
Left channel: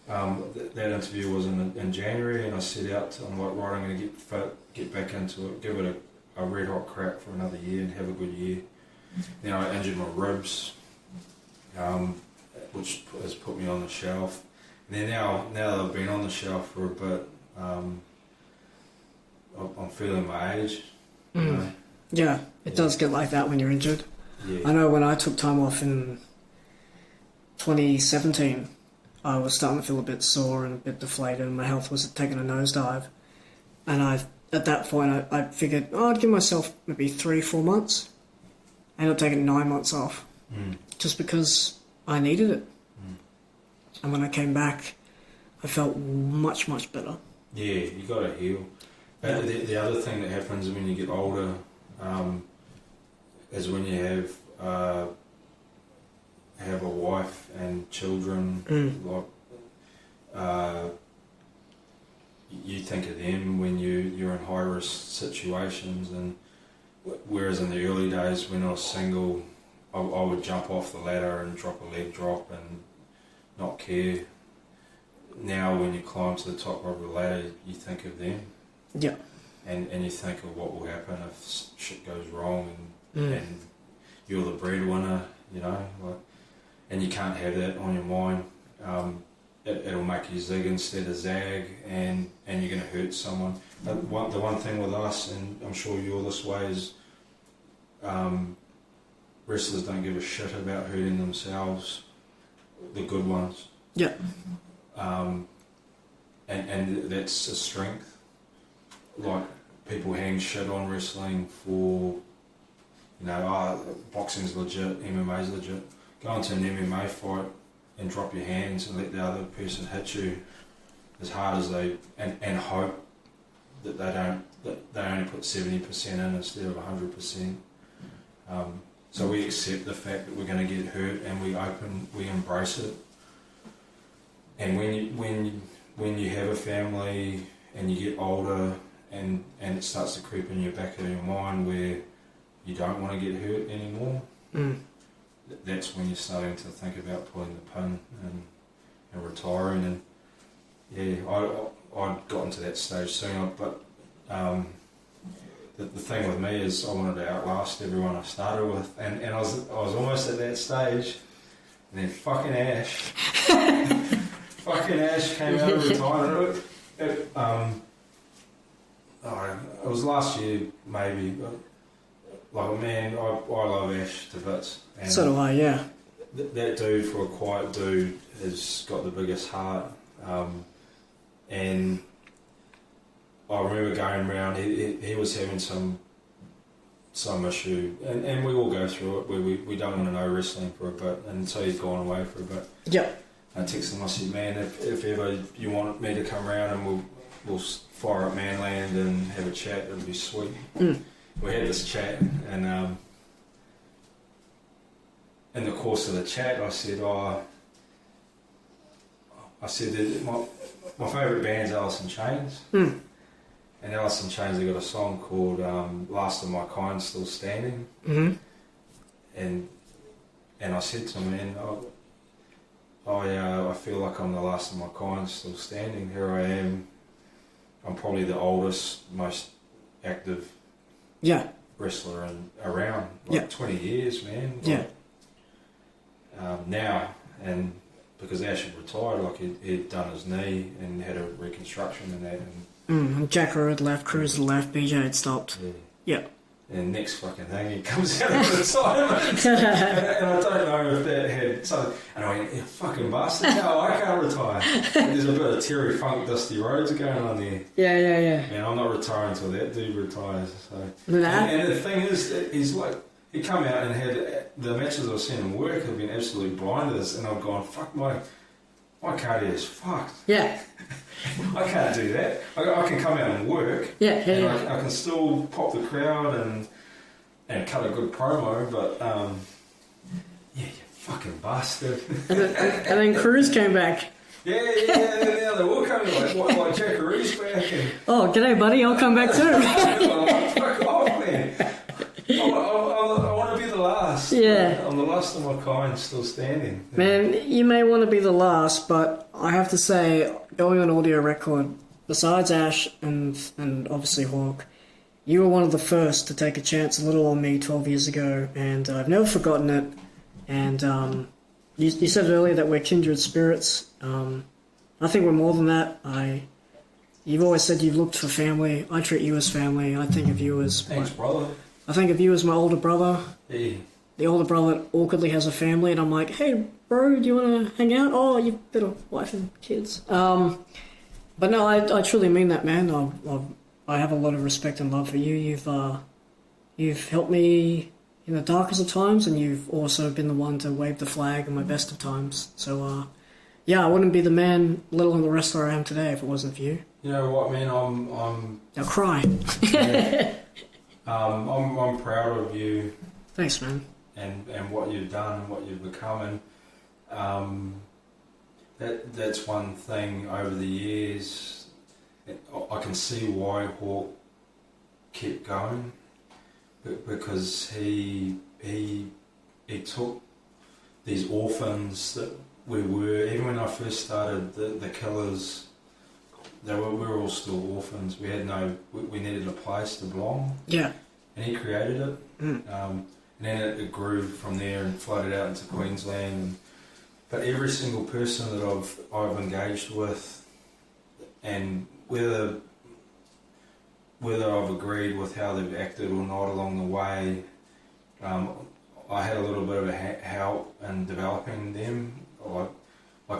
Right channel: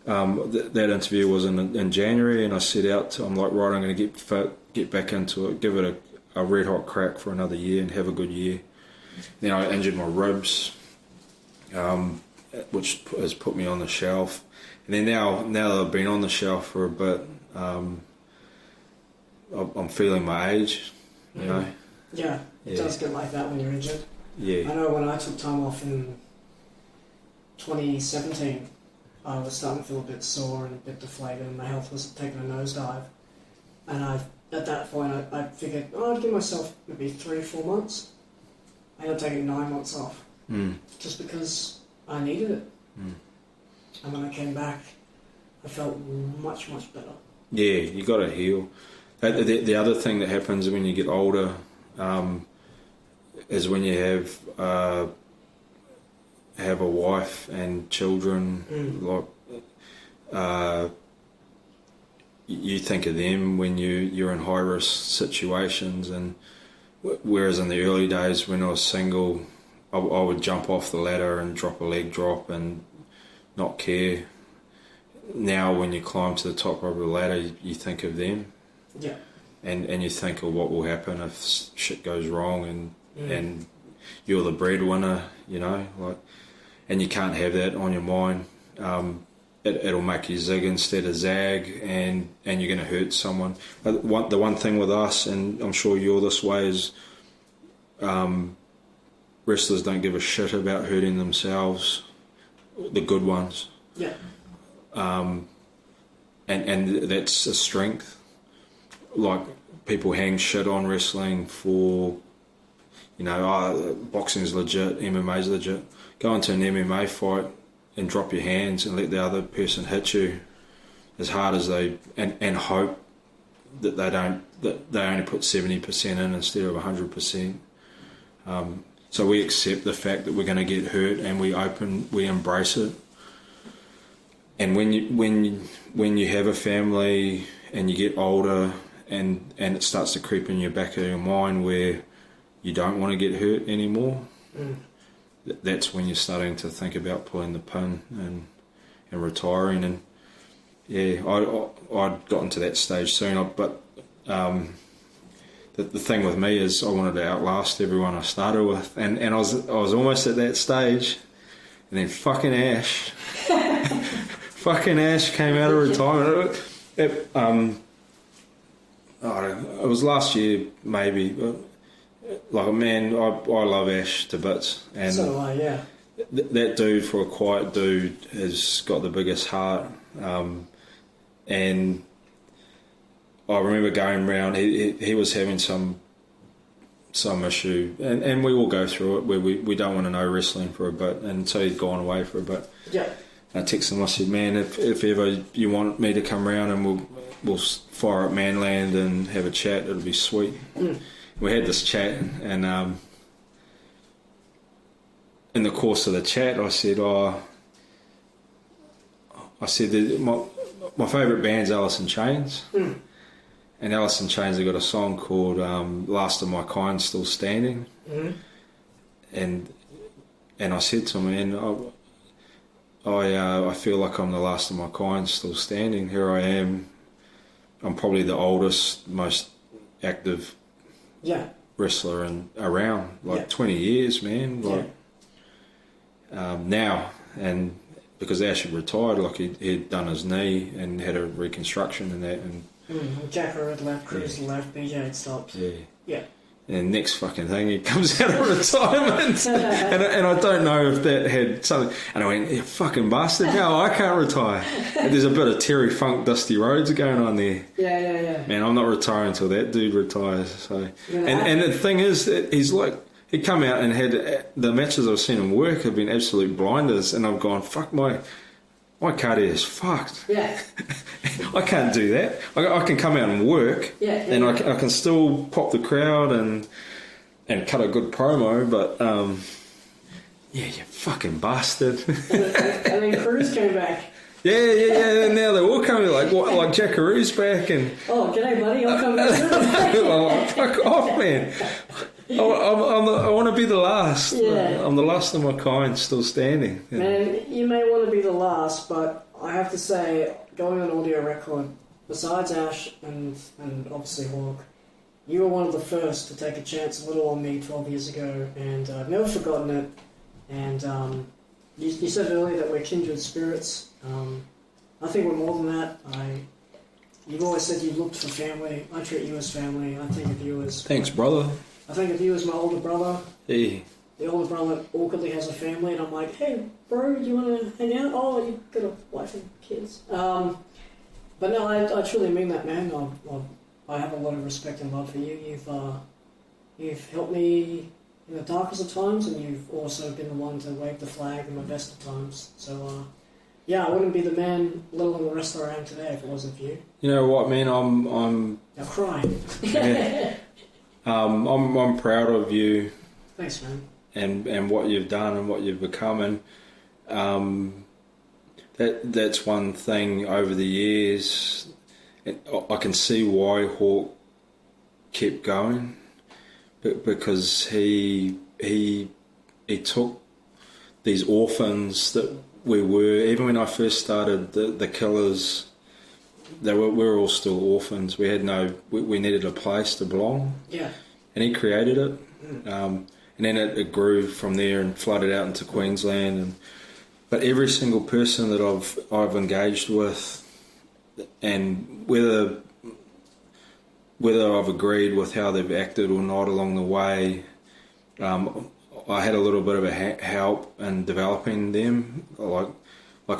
that interview was in January, and I set out to, I'm like, right, I'm going to get fit, get back into it, give it a red hot crack for another year and have a good year. Then I injured my ribs, which has put me on the shelf. And then now that I've been on the shelf for a bit, I'm feeling my age, you know. Yeah, it does get like that when you're injured. Yeah. I know when I took time off in 2017, I was starting to feel a bit sore and a bit deflated, and my health was taking a nosedive. And at that point, I figured, I'd give myself maybe 3-4 months. I ended up taking 9 months off, just because I needed it. And when I came back, I felt much, much better. Yeah, you got to heal. The other thing that happens when you get older is when you have a wife and children. Like you think of them when you're in high risk situations, and whereas in the early days when I was single, I would jump off the ladder and drop a leg drop and not care. Now when you climb to the top of the ladder, you think of them. Yeah. And you think of what will happen if shit goes wrong and you're the breadwinner, you know, like, and you can't have that on your mind. It'll make you zig instead of zag, and you're going to hurt someone. But the one thing with us, and I'm sure you're this way, is wrestlers don't give a shit about hurting themselves, the good ones. Yeah. And that's a strength. Like, people hang shit on wrestling for, you know, boxing's legit, MMA's legit. Go into an MMA fight and drop your hands and let the other person hit you as hard as they, and hope that they only put 70% in instead of 100%. So we accept the fact that we're going to get hurt, and we embrace it. And when you have a family and you get older, and it starts to creep in your back of your mind where you don't want to get hurt anymore, that's when you're starting to think about pulling the pin and retiring. And yeah, I'd gotten to that stage soon, but the thing with me is I wanted to outlast everyone I started with, and I was almost at that stage, and then fucking Ash came out of retirement. It was last year maybe, but, like, man, I love Ash to bits, and So do I, yeah. That dude, for a quiet dude, has got the biggest heart, and I remember going round, he was having some issue, and we all go through it where we don't want to know wrestling for a bit, and so he's gone away for a bit. Yeah. I texted him. I said, man, if ever you want me to come round and we'll fire up Manland and have a chat, it'll be sweet. We had this chat, and in the course of the chat, I said, that my favourite band's Alice in Chains, and Alice in Chains have got a song called "Last of My Kind Still Standing," and I said to him, man, I feel like I'm the last of my kind still standing. Here I am. I'm probably the oldest, most active wrestler around. 20 years, man. Now, and because Ash had retired, like he'd done his knee and had a reconstruction and that. And Jacko had left, Cruz had left, BJ had stopped. Yeah. And next fucking thing, he comes out of retirement. and I don't know if that had something. And I went, you fucking bastard, no, I can't retire. There's a bit of Terry Funk, Dusty Rhodes going on there. Yeah. Man, I'm not retiring until that dude retires. So, and the thing is, he's like, he'd come out and had the matches I've seen him work have been absolute blinders, and I've gone, fuck, my cardio is fucked. Yeah. I can't do that. I can come out and work, and I can still pop the crowd and cut a good promo, but you fucking bastard. and then Cruz came back. Yeah. And now they're all coming like Jackaroo's back and. Oh, g'day, buddy. I'll come back too. I'm like, fuck off, man. I want to be the last. Yeah. I'm the last of my kind, still standing. Man, you may want to be the last, but I have to say, going on audio record, besides Ash and obviously Hawk, you were one of the first to take a chance a little on me 12 years ago, and I've never forgotten it. And you said earlier that we're kindred spirits. I think we're more than that. You've always said you've looked for family. I treat you as family. I think of you as... Thanks, brother. I think of you as my older brother. Yeah. The older brother awkwardly has a family, and I'm like, hey, bro, do you want to hang out? Oh, you've got a wife and kids. But no, I truly mean that, man. I have a lot of respect and love for you. You've helped me in the darkest of times, and you've also been the one to wave the flag in my best of times. So, I wouldn't be the man, let alone the wrestler I am today, if it wasn't for you. You know what, man? I'm. Now cry. Yeah. I'm proud of you. Thanks, man. And what you've done and what you've become, and that's one thing over the years. I can see why Hawk kept going, because he took these orphans that we were. Even when I first started, the Killers, we were all still orphans. We had we needed a place to belong. Yeah. And he created it. And then it grew from there and flooded out into Queensland. But every single person that I've engaged with, and whether I've agreed with how they've acted or not along the way, I had a little bit of a help in developing them. Like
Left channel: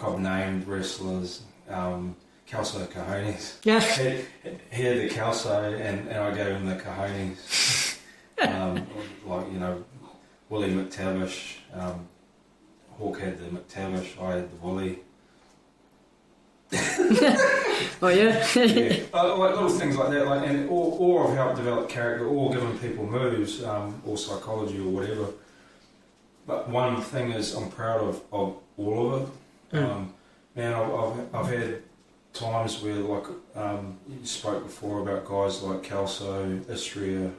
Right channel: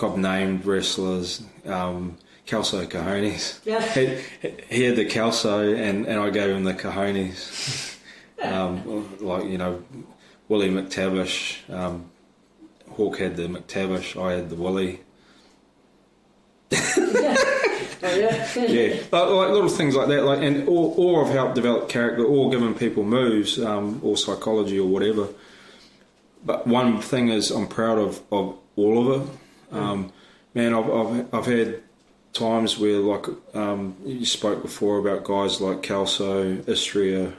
I've named wrestlers, Kelso Cojones. Yeah. He had the Kelso, and I gave him the Cojones. Willie McTavish. Hawk had the McTavish. I had the Willie. Oh yeah. Yeah, like little things like that. Or I've helped develop character, or given people moves, or psychology, or whatever. But one thing is, I'm proud of all of it. Man, I've had times where, like, you spoke before about guys like Kelso, Istria,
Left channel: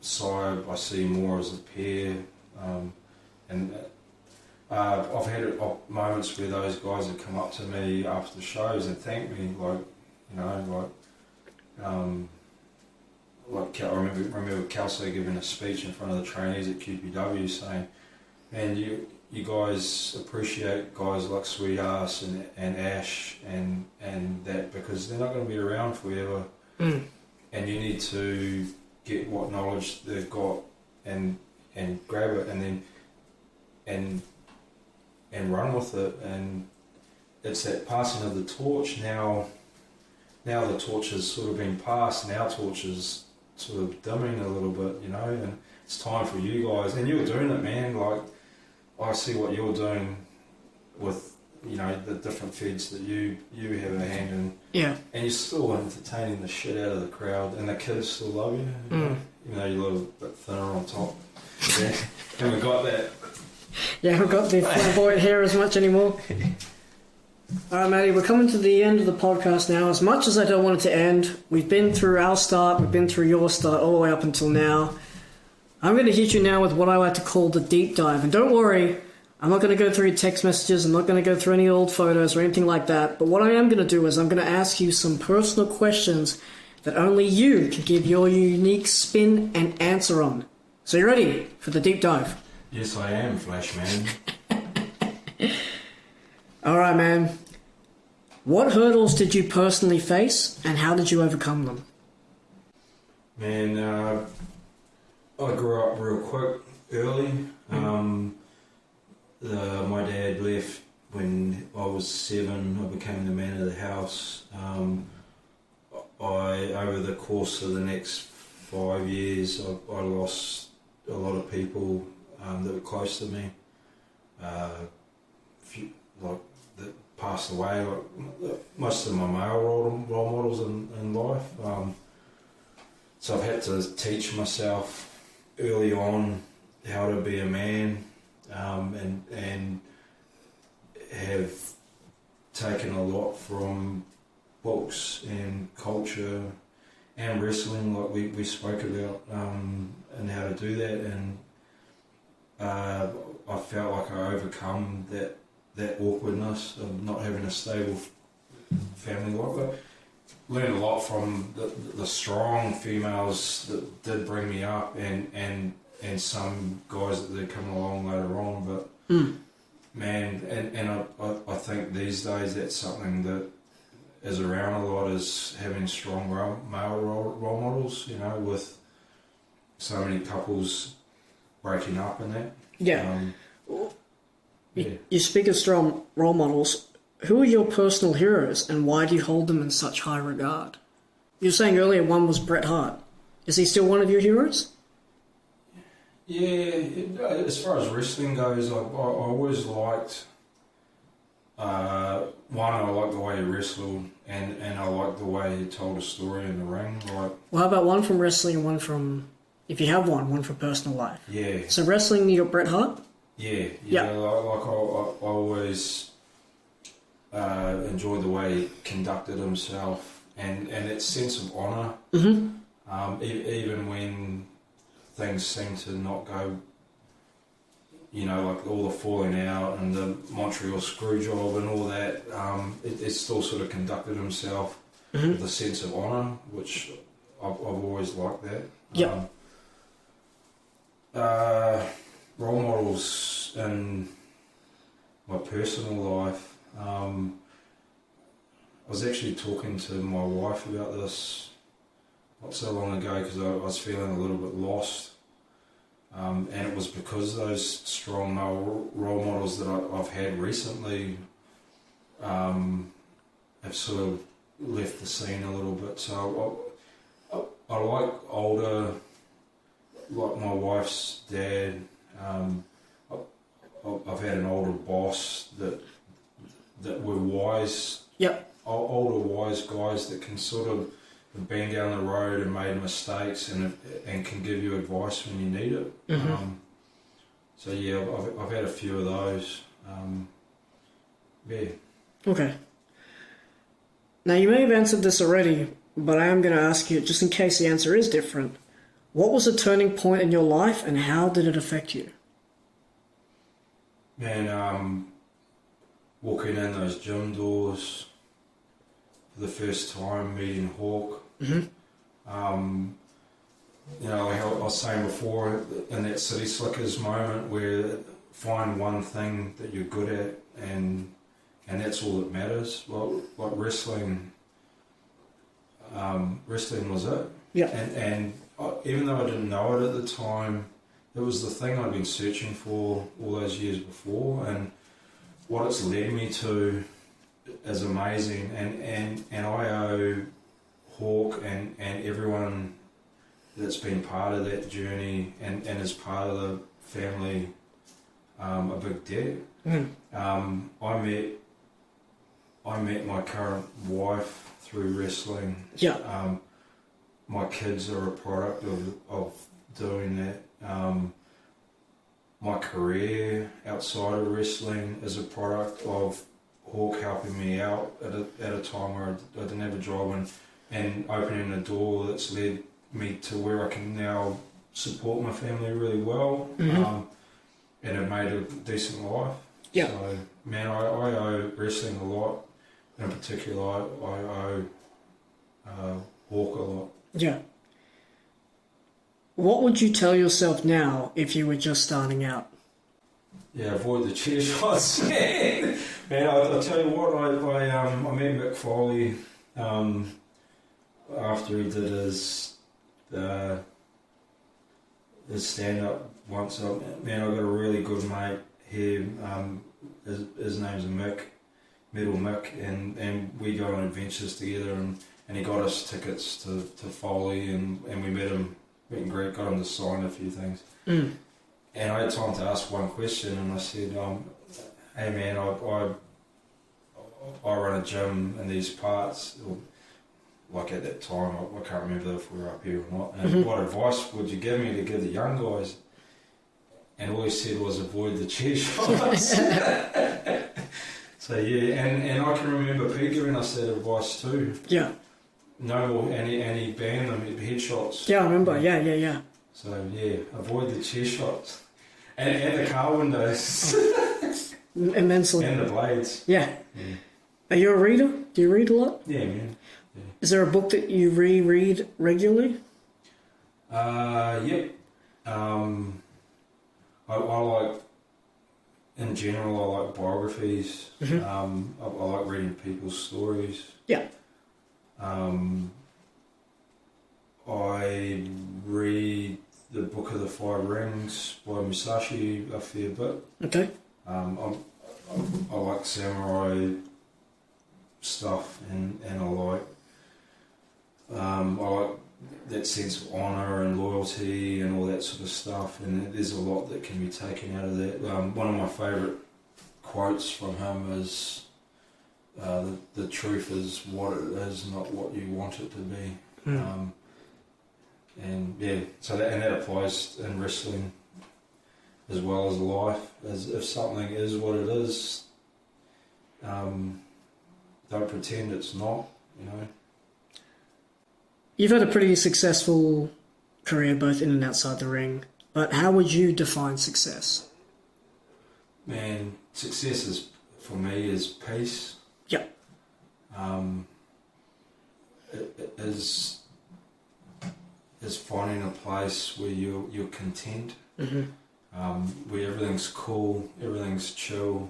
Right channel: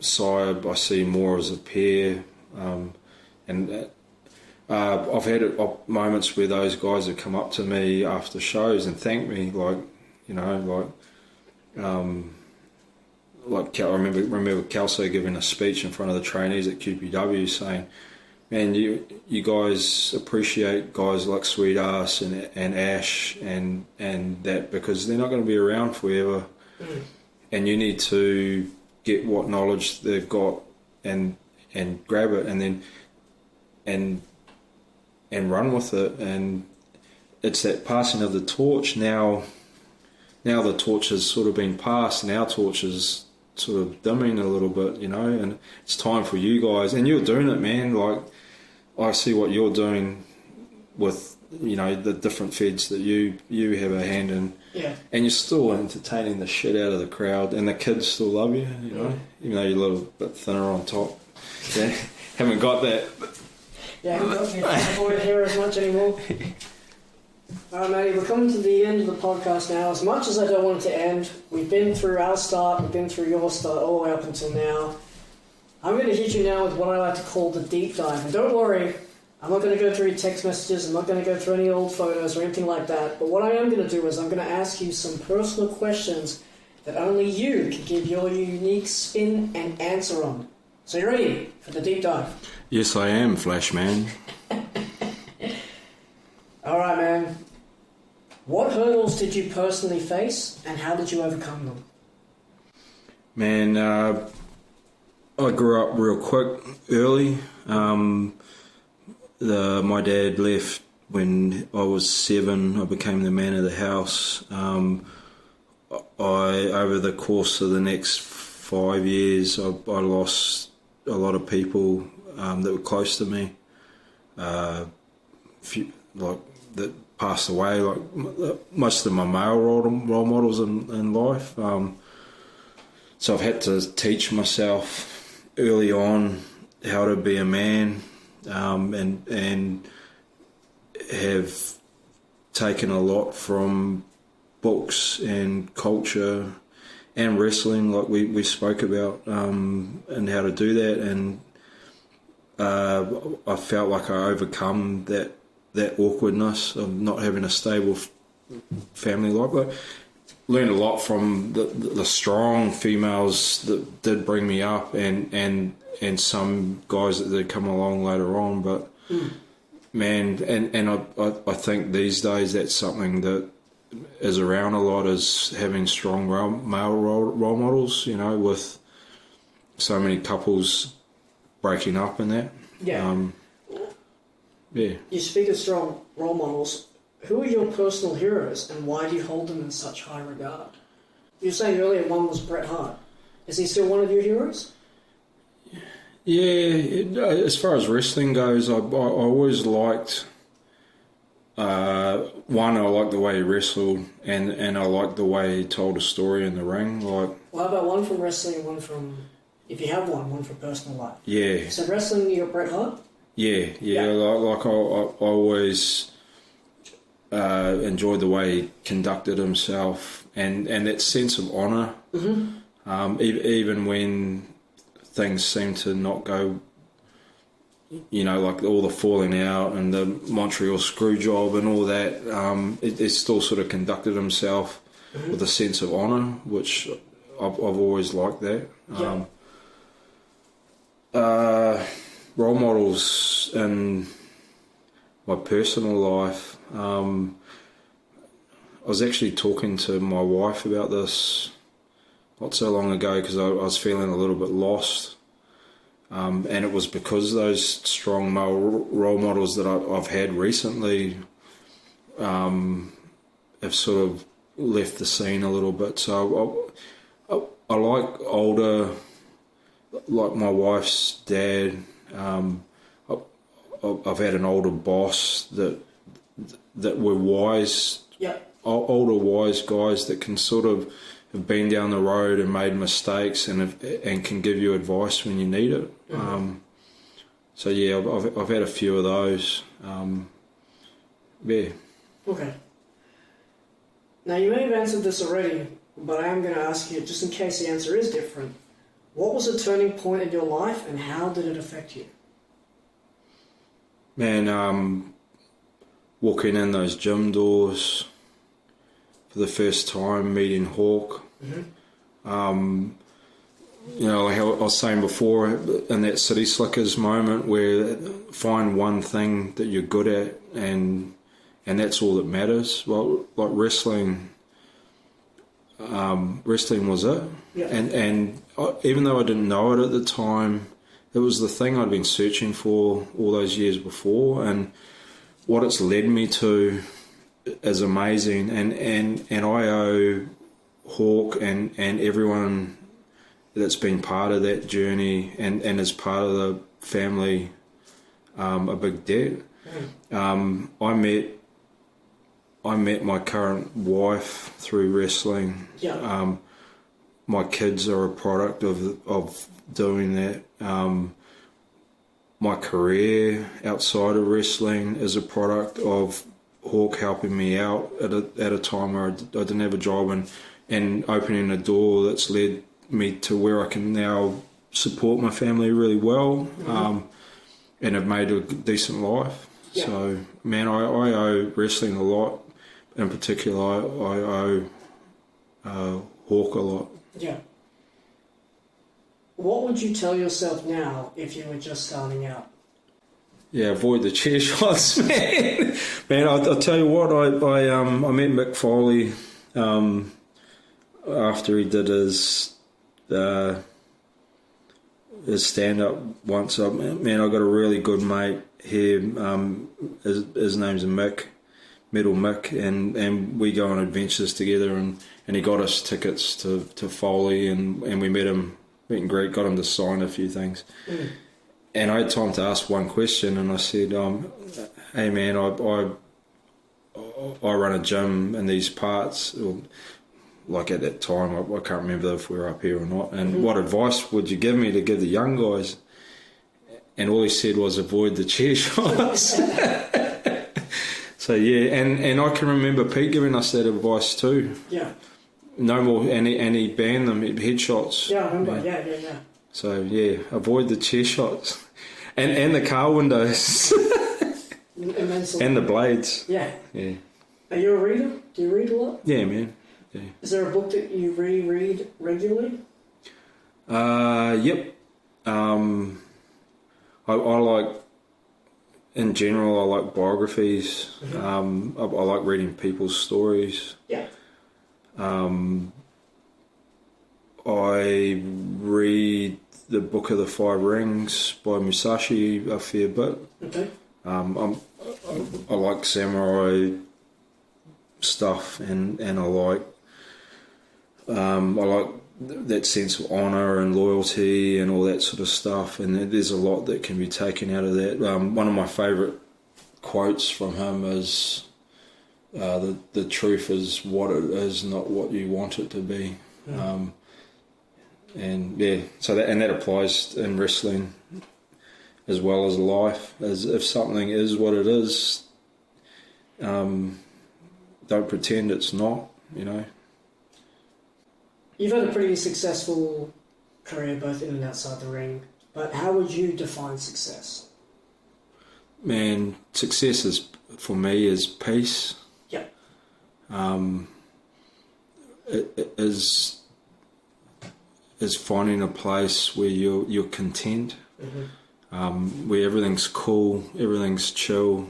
Saib, I see more as a pair, and I've had moments where those guys have come up to me after shows and thanked me, like I remember Kelso giving a speech in front of the trainees at QPW saying, man, you guys appreciate guys like Sweet Ass and Ash and that, because they're not going to be around forever, and you need to get what knowledge they've got and grab it and then and run with it. And it's that passing of the torch. Now the torch has sort of been passed, and our torch is sort of dimming a little bit, and it's time for you guys, and you're doing it, man. Like I see what you're doing with, you know, the different feds that you have a hand in. Yeah. And you're still entertaining the shit out of the crowd, and the kids still love you, you know, even though you're a little bit thinner on top. Yeah. Haven't got that. Yeah, haven't got the flamboyant hair as much anymore. Alright, Matty, we're coming to the end of the podcast now. As much as I don't want it to end, we've been through our start, we've been through your start, all the way up until now. I'm going to hit you now with what I like to call the deep dive. And don't worry, I'm not going to go through your text messages, I'm not going to go through any old photos or anything like that. But what I am going to do is I'm going to ask you some personal questions that only you can give your unique spin and answer on. So you ready for the deep dive? Yes, I am, Flashman. Alright, man. What hurdles did you personally face, and how did you overcome them? Man, I grew up real quick, early. My dad left when I was 7. I became the man of the house. Over the course of the next 5 years, I lost a lot of people that were close to me. That passed away, like most of my male role models in life. So I've had to teach myself early on how to be a man, and have taken a lot from books and culture and wrestling, like we spoke about, and how to do that. And I felt like I overcome that awkwardness of not having a stable family like. Learned a lot from the strong females that did bring me up, and some guys that did come along later on. But man, and I think these days that's something that is around a lot, is having strong male role models. You know, with so many couples breaking up and that. Yeah. Yeah. You speak of strong role models. Who are your personal heroes, and why do you hold them in such high regard? You were saying earlier one was Bret Hart. Is he still one of your heroes? Yeah, as far as wrestling goes, I always liked, one, I liked the way he wrestled, and I liked the way he told a story in the ring. Like, well, how about one from wrestling and one from, if you have one from personal life? Yeah. So wrestling, you're Bret Hart? Yeah. Like I always enjoyed the way he conducted himself, and that sense of honour. Mm-hmm. Even when things seem to not go, you know, like all the falling out and the Montreal screw job and all that, it still sort of conducted himself with a sense of honour, which I've always liked that. Yep. Role models in my personal life. I was actually talking to my wife about this not so long ago, because I was feeling a little bit lost, and it was because those strong male role models that I've had recently have sort of left the scene a little bit. So I like older, like my wife's dad. I've had an older boss that were wise, older wise guys that can sort of have been down the road and made mistakes and can give you advice when you need it. Mm-hmm. So yeah, I've had a few of those. Yeah. Okay. Now you may have answered this already, but I am going to ask you, just in case the answer is different, what was a turning point in your life and how did it affect you? Man, walking in those gym doors for the first time, meeting Hawk. Mm-hmm. You know, like I was saying before, in that City Slickers moment where find one thing that you're good at and that's all that matters. Well, like wrestling was it. Yeah. And even though I didn't know it at the time, it was the thing I'd been searching for all those years before, and what it's led me to is amazing. And I owe Hawk and everyone that's been part of that journey and is part of the family a big debt. I met my current wife through wrestling. Yeah. My kids are a product of doing that. My career outside of wrestling is a product of Hawk helping me out at a time where I didn't have a job and opening a door that's led me to where I can now support my family really well, and have made a decent life. Yeah. So, man, I owe wrestling a lot. In particular, I owe Hawk a lot. Yeah. What would you tell yourself now if you were just starting out? Yeah, avoid the chair shots, man. Man, I'll tell you what, I met Mick Foley after he did his stand-up once. Man, I got a really good mate here. His name's Mick, Metal Mick, and we go on adventures together, and he got us tickets to Foley, and we met and greet, got him to sign a few things. And I had time to ask one question, and I said, hey man, I run a gym in these parts, like at that time, I can't remember if we were up here or not, and what advice would you give me to give the young guys? And all he said was avoid the chair shots. So yeah, and I can remember Pete giving us that advice too. Yeah. No more, and he banned them, headshots. Yeah, I remember, yeah. So yeah, avoid the chair shots. And the car windows. Immensely. And the blades. Yeah. Yeah. Are you a reader? Do you read a lot? Yeah, man. Yeah. Is there a book that you reread regularly? Yep. I like, in general, I like biographies. I like reading people's stories. Yeah. I read the Book of the Five Rings by Musashi a fair bit. Okay. I like samurai stuff, and I like that sense of honour and loyalty and all that sort of stuff, and there's a lot that can be taken out of that. One of my favourite quotes from him is, the truth is what it is, not what you want it to be. And yeah, so that applies in wrestling as well as life. As if something is what it is, don't pretend it's not, you know. You've had a pretty successful career both in and outside the ring, but how would you define success? Man, success is, for me, is peace. Yeah. It is finding a place where you're content, where everything's cool, everything's chill.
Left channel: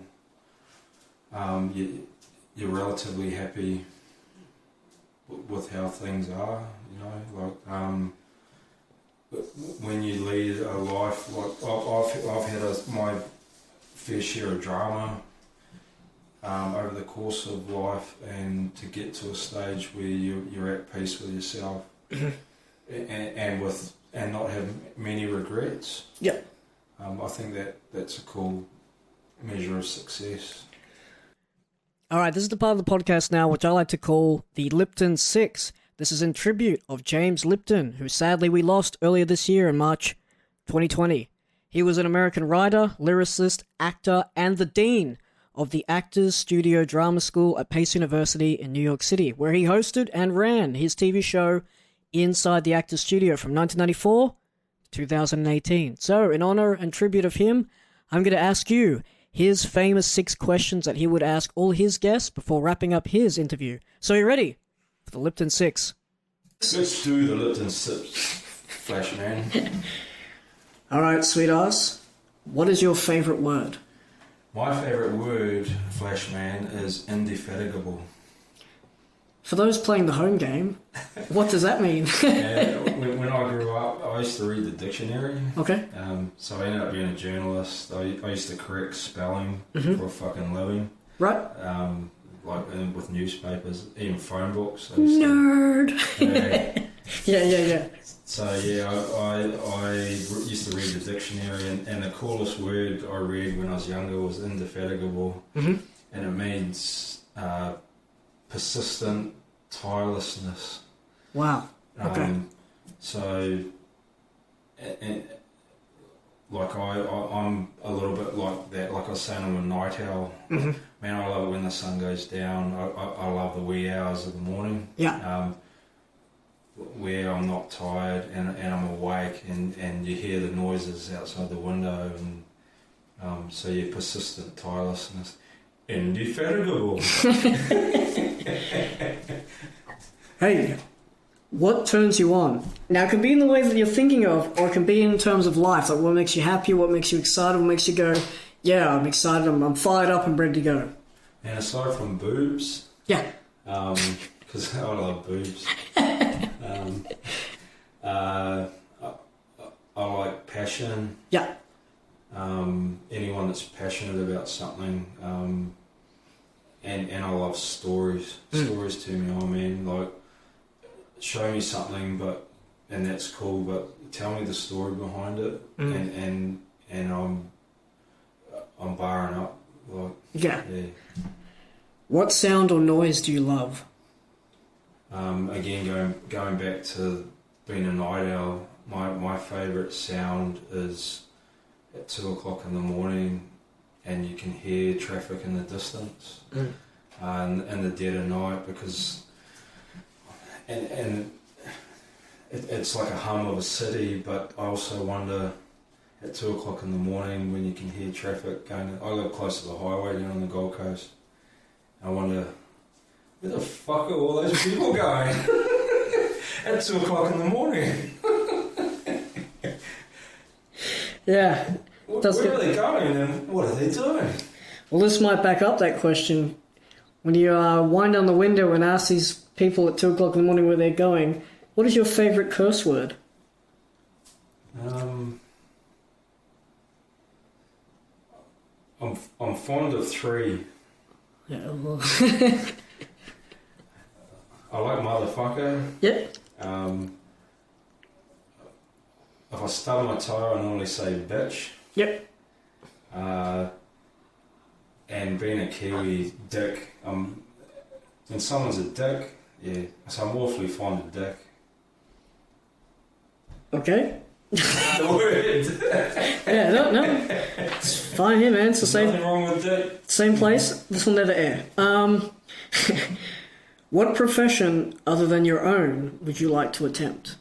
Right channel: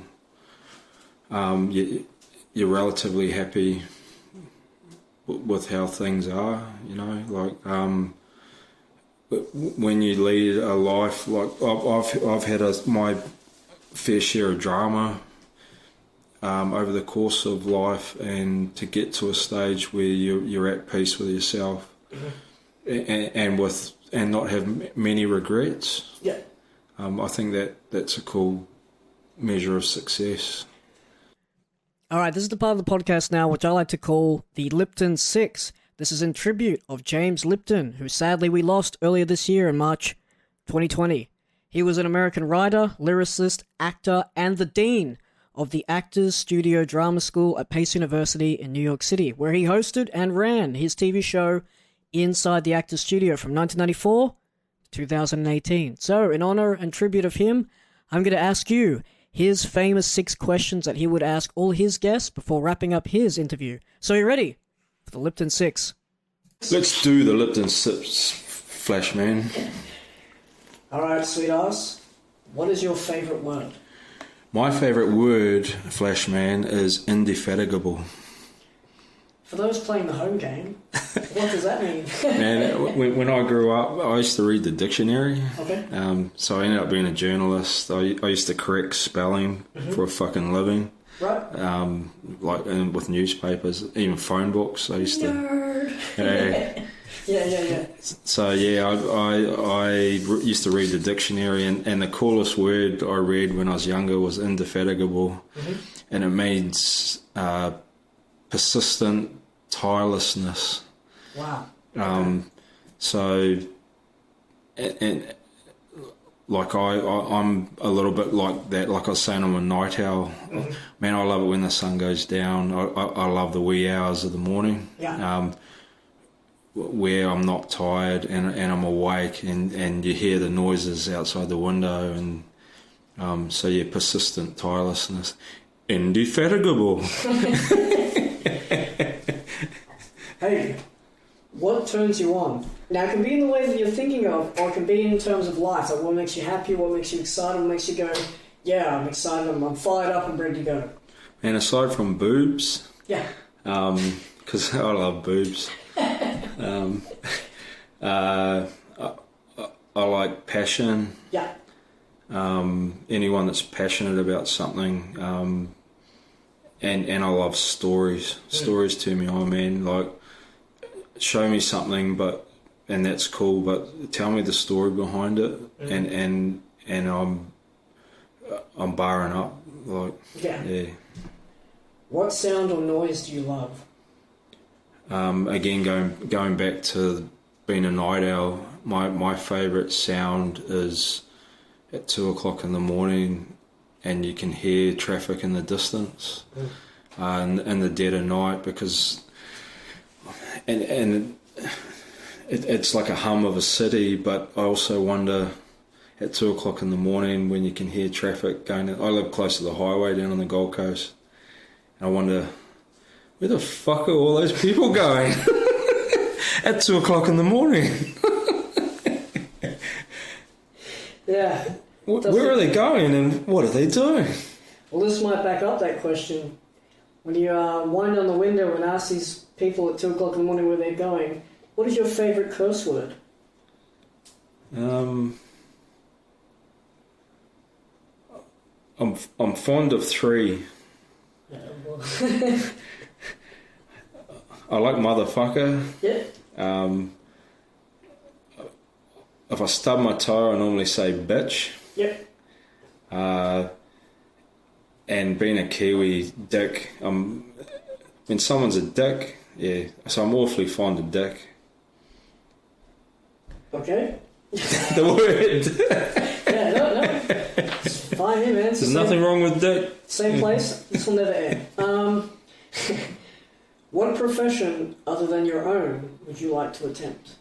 You're relatively happy with how things are, you know. Like when you lead a life, like I've had my fair share of drama over the course of life, and to get to a stage where you're at peace with yourself. And not have many regrets. Yeah. I think that's a cool measure of success. All right, this is the part of the podcast now which I like to call the Lipton 6. This is in tribute of James Lipton, who sadly we lost earlier this year in March 2020. He was an American writer, lyricist, actor, and the dean of the Actors Studio Drama School at Pace University in New York City, where he hosted and ran his TV show Inside the Actors Studio from 1994 to 2018. So, in honor and tribute of him, I'm going to ask you his famous 6 questions that he would ask all his guests before wrapping up his interview. So, you ready for the Lipton 6? Let's do the Lipton 6, Flashman. All right, sweethearts. What is your favourite word? My favourite word, Flashman, is indefatigable. For those playing the home game, what does that mean? And when I grew up, I used to read the dictionary. Okay. So I ended up being a journalist. I used to correct spelling for a fucking living. Right. Like and with newspapers, even phone books. I used Nerd. Yeah. So yeah, I used to read the dictionary, and the coolest word I read when I was younger was indefatigable, and it means persistent tirelessness. Wow. Okay. So, and like I'm a little bit like that. Like I was saying, I'm a night owl. Man, I love it when the sun goes down. I love the wee hours of the morning. Yeah. Where I'm not tired and I'm awake, and you hear the noises outside the window, and so yeah, persistent tirelessness, indefatigable. Hey, what turns you on? Now, it can be in the way that you're thinking of, or it can be in terms of life. Like, what makes you happy, what makes you excited, what makes you go, yeah, I'm excited, I'm fired up, I'm ready to go. And aside from boobs, yeah, because I love boobs, I like passion. Yeah. Anyone that's passionate about something, and I love stories. Stories turn me on, man. Like, show me something, and that's cool, but tell me the story behind it, and I'm barring up. Like, yeah. What sound or noise do you love? Again, going back to being a night owl, my favourite sound is at 2 o'clock in the morning, and you can hear traffic in the distance, in the dead of night, because and it's like a hum of a city. But I also wonder at 2 o'clock in the morning when you can hear traffic going. I live close to the highway down on the Gold Coast, and I wonder, where the fuck are all those people going at 2 o'clock in the morning? Yeah. Where are they going, and what are they doing? Well, this might back up that question. When you wind down the window and ask these people at 2 o'clock in the morning where they're going, what is your favourite curse word? I'm fond of three. Yeah, well. I like motherfucker. Yep. If I stub my toe, I normally say bitch. Yep. And being a Kiwi, dick. When someone's a dick, yeah. So I'm awfully fond of dick. Okay. The word. Yeah, no. It's fine here, man. It's the same. Nothing wrong with dick. Same place. This will never air. What profession other than your own would you like to attempt?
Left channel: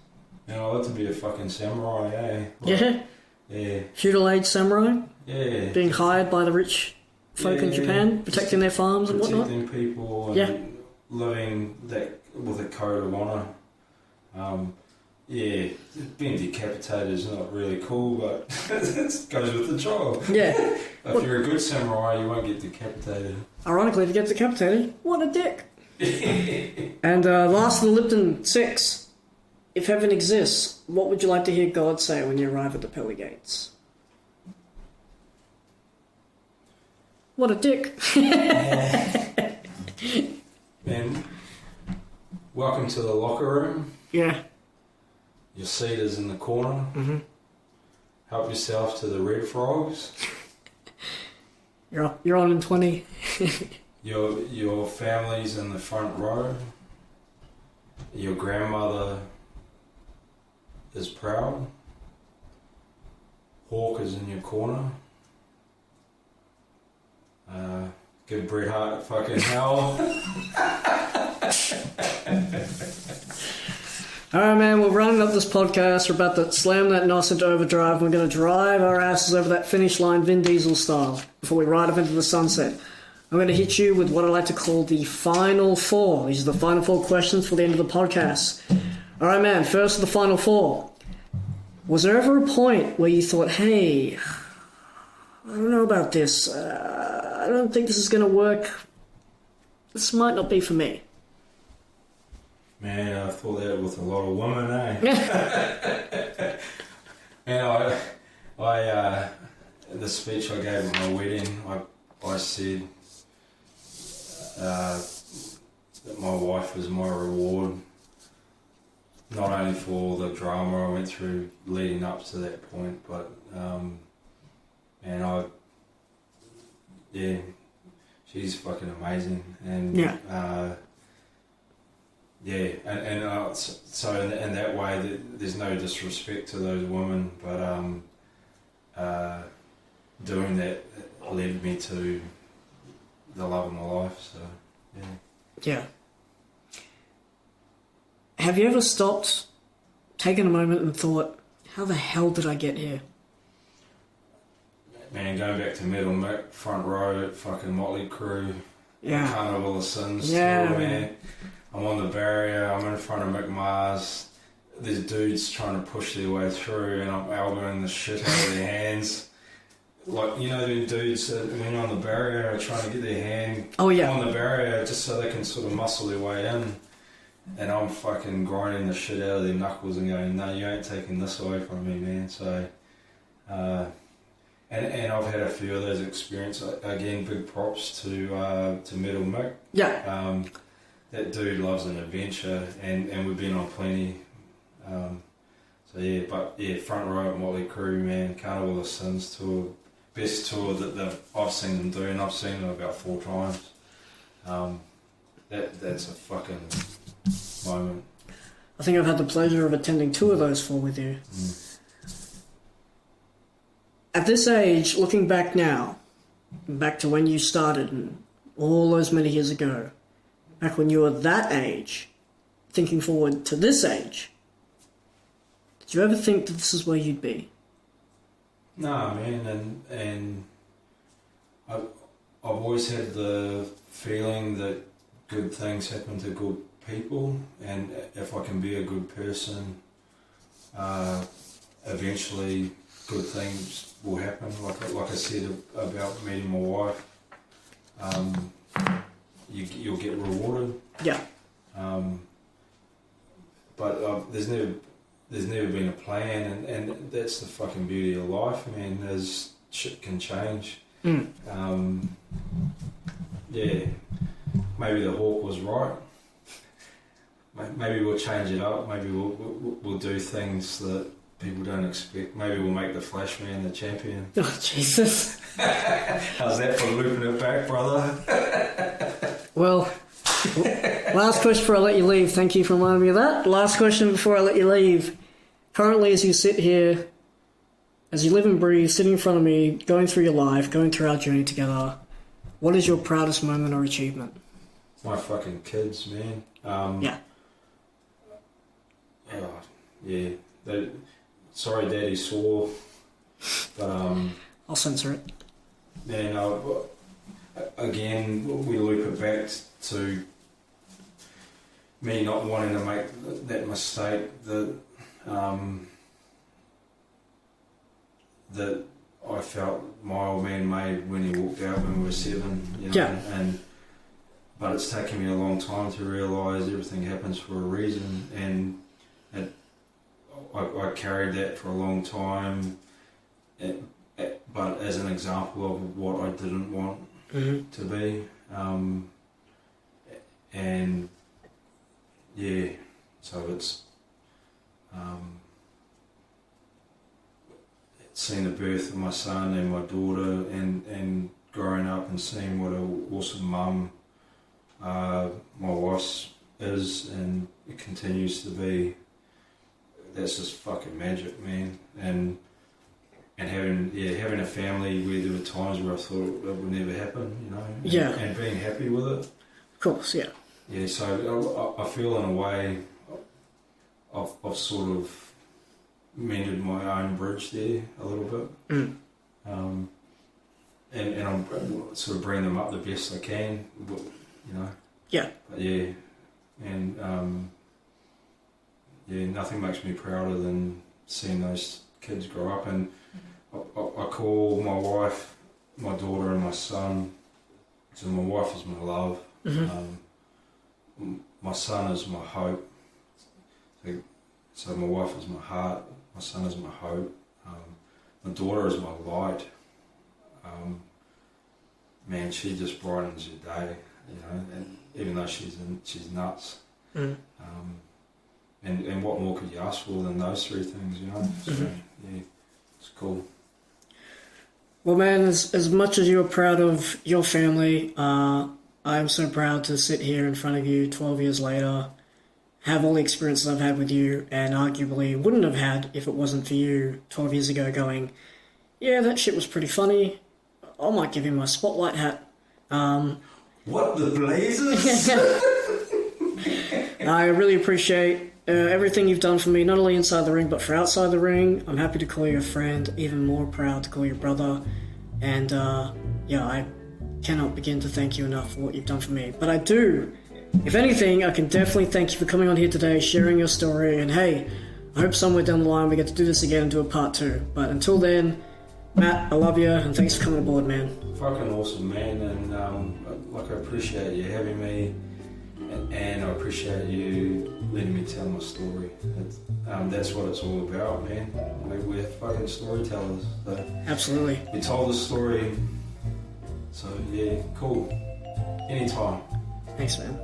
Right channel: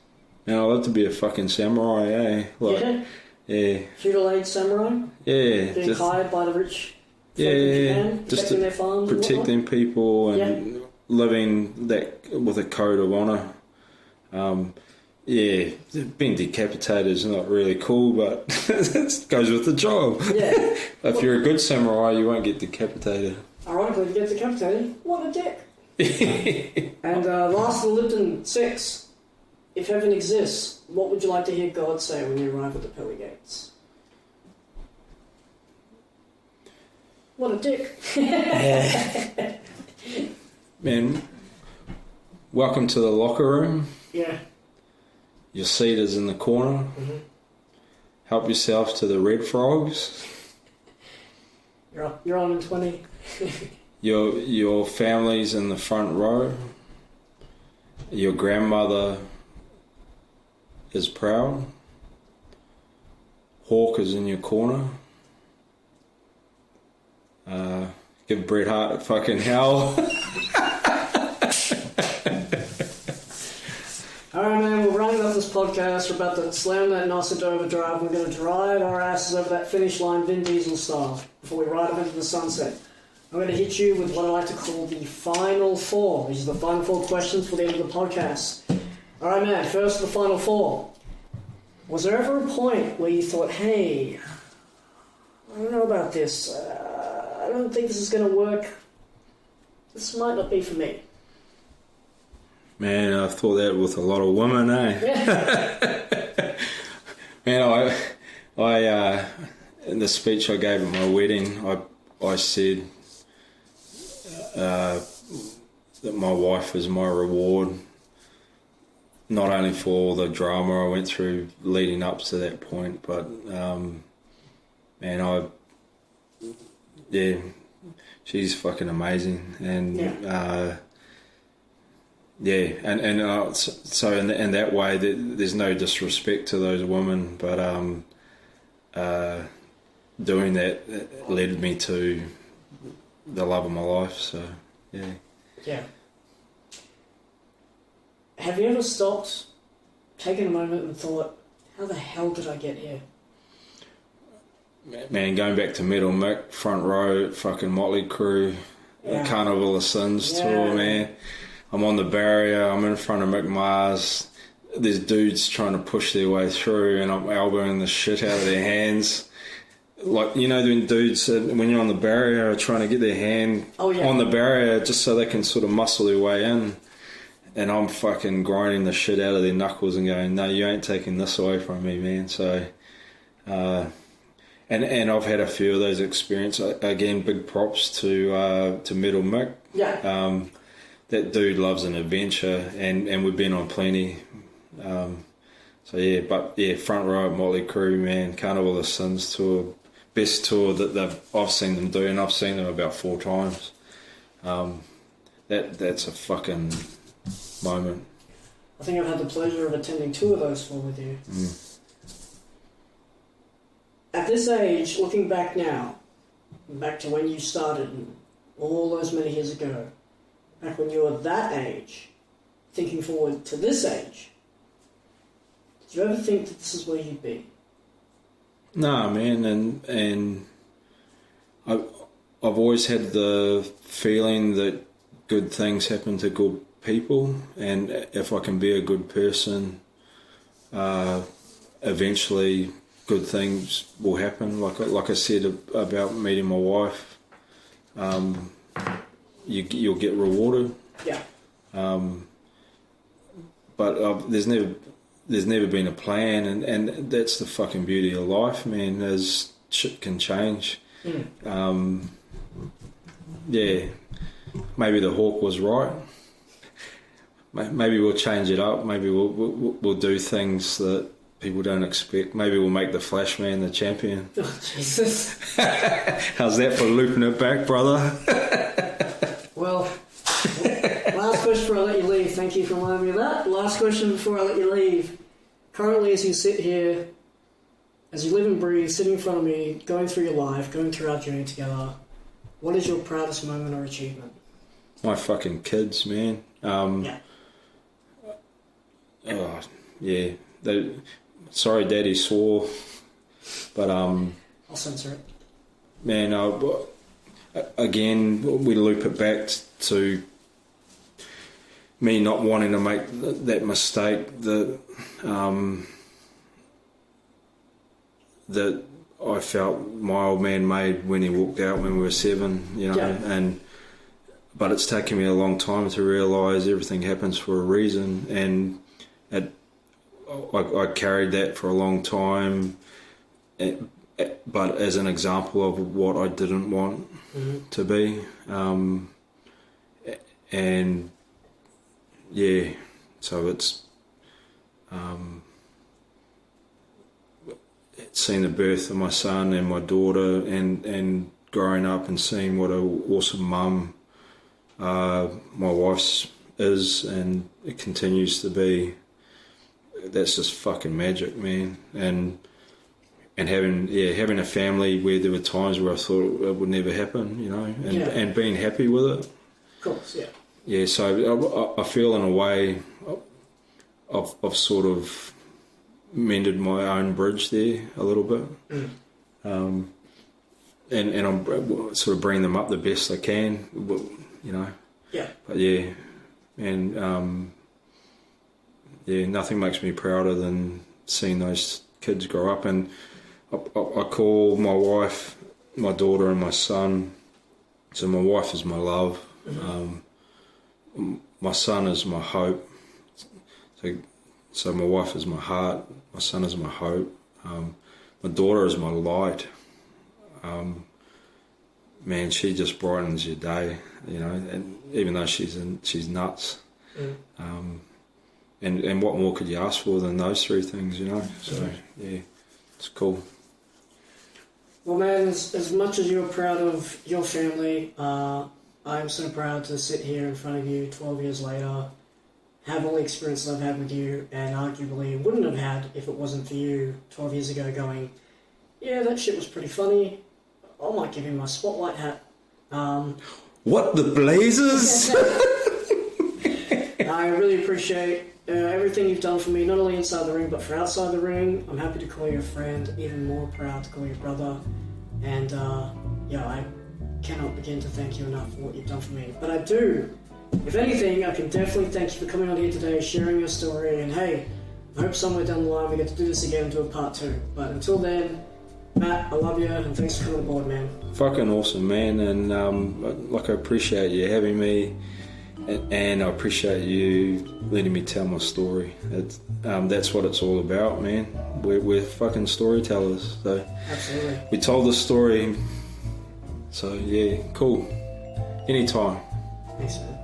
Now, I'd like to be a fucking samurai, eh? Like, yeah. Feudal age samurai? Yeah. Being hired by the rich folk in Japan, protecting their farms and whatnot? Protecting people and living that with a code of honour. Being decapitated is not really cool, but it goes with the job. Yeah. If you're a good samurai, you won't get decapitated. Ironically, if you get decapitated, what a dick. And last of the Lipton 6. If heaven exists, what would you like to hear God say when you arrive at the pearly gates? What a dick. Man, welcome to the locker room. Yeah. Your seat is in the corner. Help yourself to the red frogs. You're on in 20. Your family's in the front row. Your grandmother is proud. Hawk is in your corner. Give Bret Hart a fucking hell. Alright, man, we're rounding up this podcast. We're about to slam that NOS into overdrive. We're going to drive our asses over that finish line Vin Diesel style before we ride up into the sunset. I'm going to hit you with what I like to call the final four. These are the final four questions for the end of the podcast. Alright, man, first of the final four. Was there ever a point where you thought, hey, I don't know about this. I don't think this is going to work. This might not be for me. Man, I've thought that with a lot of women, eh? Man, I in the speech I gave at my wedding, I said, that my wife was my reward, not only for the drama I went through leading up to that point, but she's fucking amazing, and so in that way, there's no disrespect to those women, but doing that led me to the love of my life. So yeah. Have you ever stopped, taken a moment and thought, how the hell did I get here? Man, going back to Metal Mick, front row at fucking Motley Crue, Carnival of Sins tour, man. I'm on the barrier, I'm in front of Mick Mars, there's dudes trying to push their way through, and I'm elbowing the shit out of their hands. Like, you know, when dudes, when you're on the barrier, are trying to get their hand on the barrier just so they can sort of muscle their way in. And I'm fucking grinding the shit out of their knuckles and going, no, you ain't taking this away from me, man. So, and I've had a few of those experiences. Again, big props to Metal Mick. Yeah. That dude loves an adventure, and we've been on plenty. Front row at Motley Crue, man, Carnival of Sins tour, best tour that I've seen them do, and I've seen them about 4 times. That's a fucking moment. I think I've had the pleasure of attending 2 of those 4 with you. At this age, looking back now, back to when you started and all those many years ago, back when you were that age, thinking forward to this age, did you ever think that this is where you'd be? No, man, and I've always had the feeling that good things happen to good people, and if I can be a good person, eventually good things will happen. Like I said about meeting my wife, you'll get rewarded. Yeah. But there's never been a plan, and that's the fucking beauty of life, man. As shit can change. Maybe the hawk was right. Maybe we'll change it up. Maybe we'll do things that people don't expect. Maybe we'll make the Flashman the champion. Oh, Jesus. How's that for looping it back, brother? Well, last question before I let you leave. Thank you for reminding me of that. Last question before I let you leave. Currently, as you sit here, as you live and breathe, sitting in front of me, going through your life, going through our journey together, what is your proudest moment or achievement? My fucking kids, man. Sorry, Daddy swore, but I'll censor it. Man, again, we loop it back to me not wanting to make that mistake that that I felt my old man made when he walked out when we were 7, you know, but it's taken me a long time to realise everything happens for a reason, and I carried that for a long time, but as an example of what I didn't want to be, and so it's seeing the birth of my son and my daughter, and growing up and seeing what an awesome mum my wife's is, and it continues to be. That's just fucking magic, man. And having a family where there were times where I thought it would never happen, you know, and being happy with it. Of course, yeah. Yeah, so I feel in a way I've sort of mended my own bridge there a little bit. And I'm sort of bringing them up the best I can, you know. Yeah. But and nothing makes me prouder than seeing those kids grow up. And I call my wife, my daughter, and my son. So my wife is my love. My son is my hope. So my wife is my heart. My son is my hope. My daughter is my light. man, she just brightens your day, you know. And even though she's nuts, and what more could you ask for than those three things, you know? So yeah, it's cool. Well, man, as much as you're proud of your family, I'm so proud to sit here in front of you 12 years later, have all the experiences I've had with you, and arguably wouldn't have had if it wasn't for you 12 years ago going, yeah, that shit was pretty funny. I might give him my spotlight hat. What the blazers? I really appreciate everything you've done for me, not only inside the ring, but for outside the ring. I'm happy to call you a friend, even more proud to call you a brother. And yeah, I cannot begin to thank you enough for what you've done for me. But I do, if anything, I can definitely thank you for coming on here today, sharing your story, and hey, I hope somewhere down the line we get to do this again and do a part 2. But until then, Matt, I love you, and thanks for coming aboard, man. Fucking awesome, man, and like I appreciate you having me, and I appreciate you letting me tell my story. That's what it's all about, man. We're fucking storytellers, so absolutely. We told the story, so yeah, cool. Anytime. Thanks, man.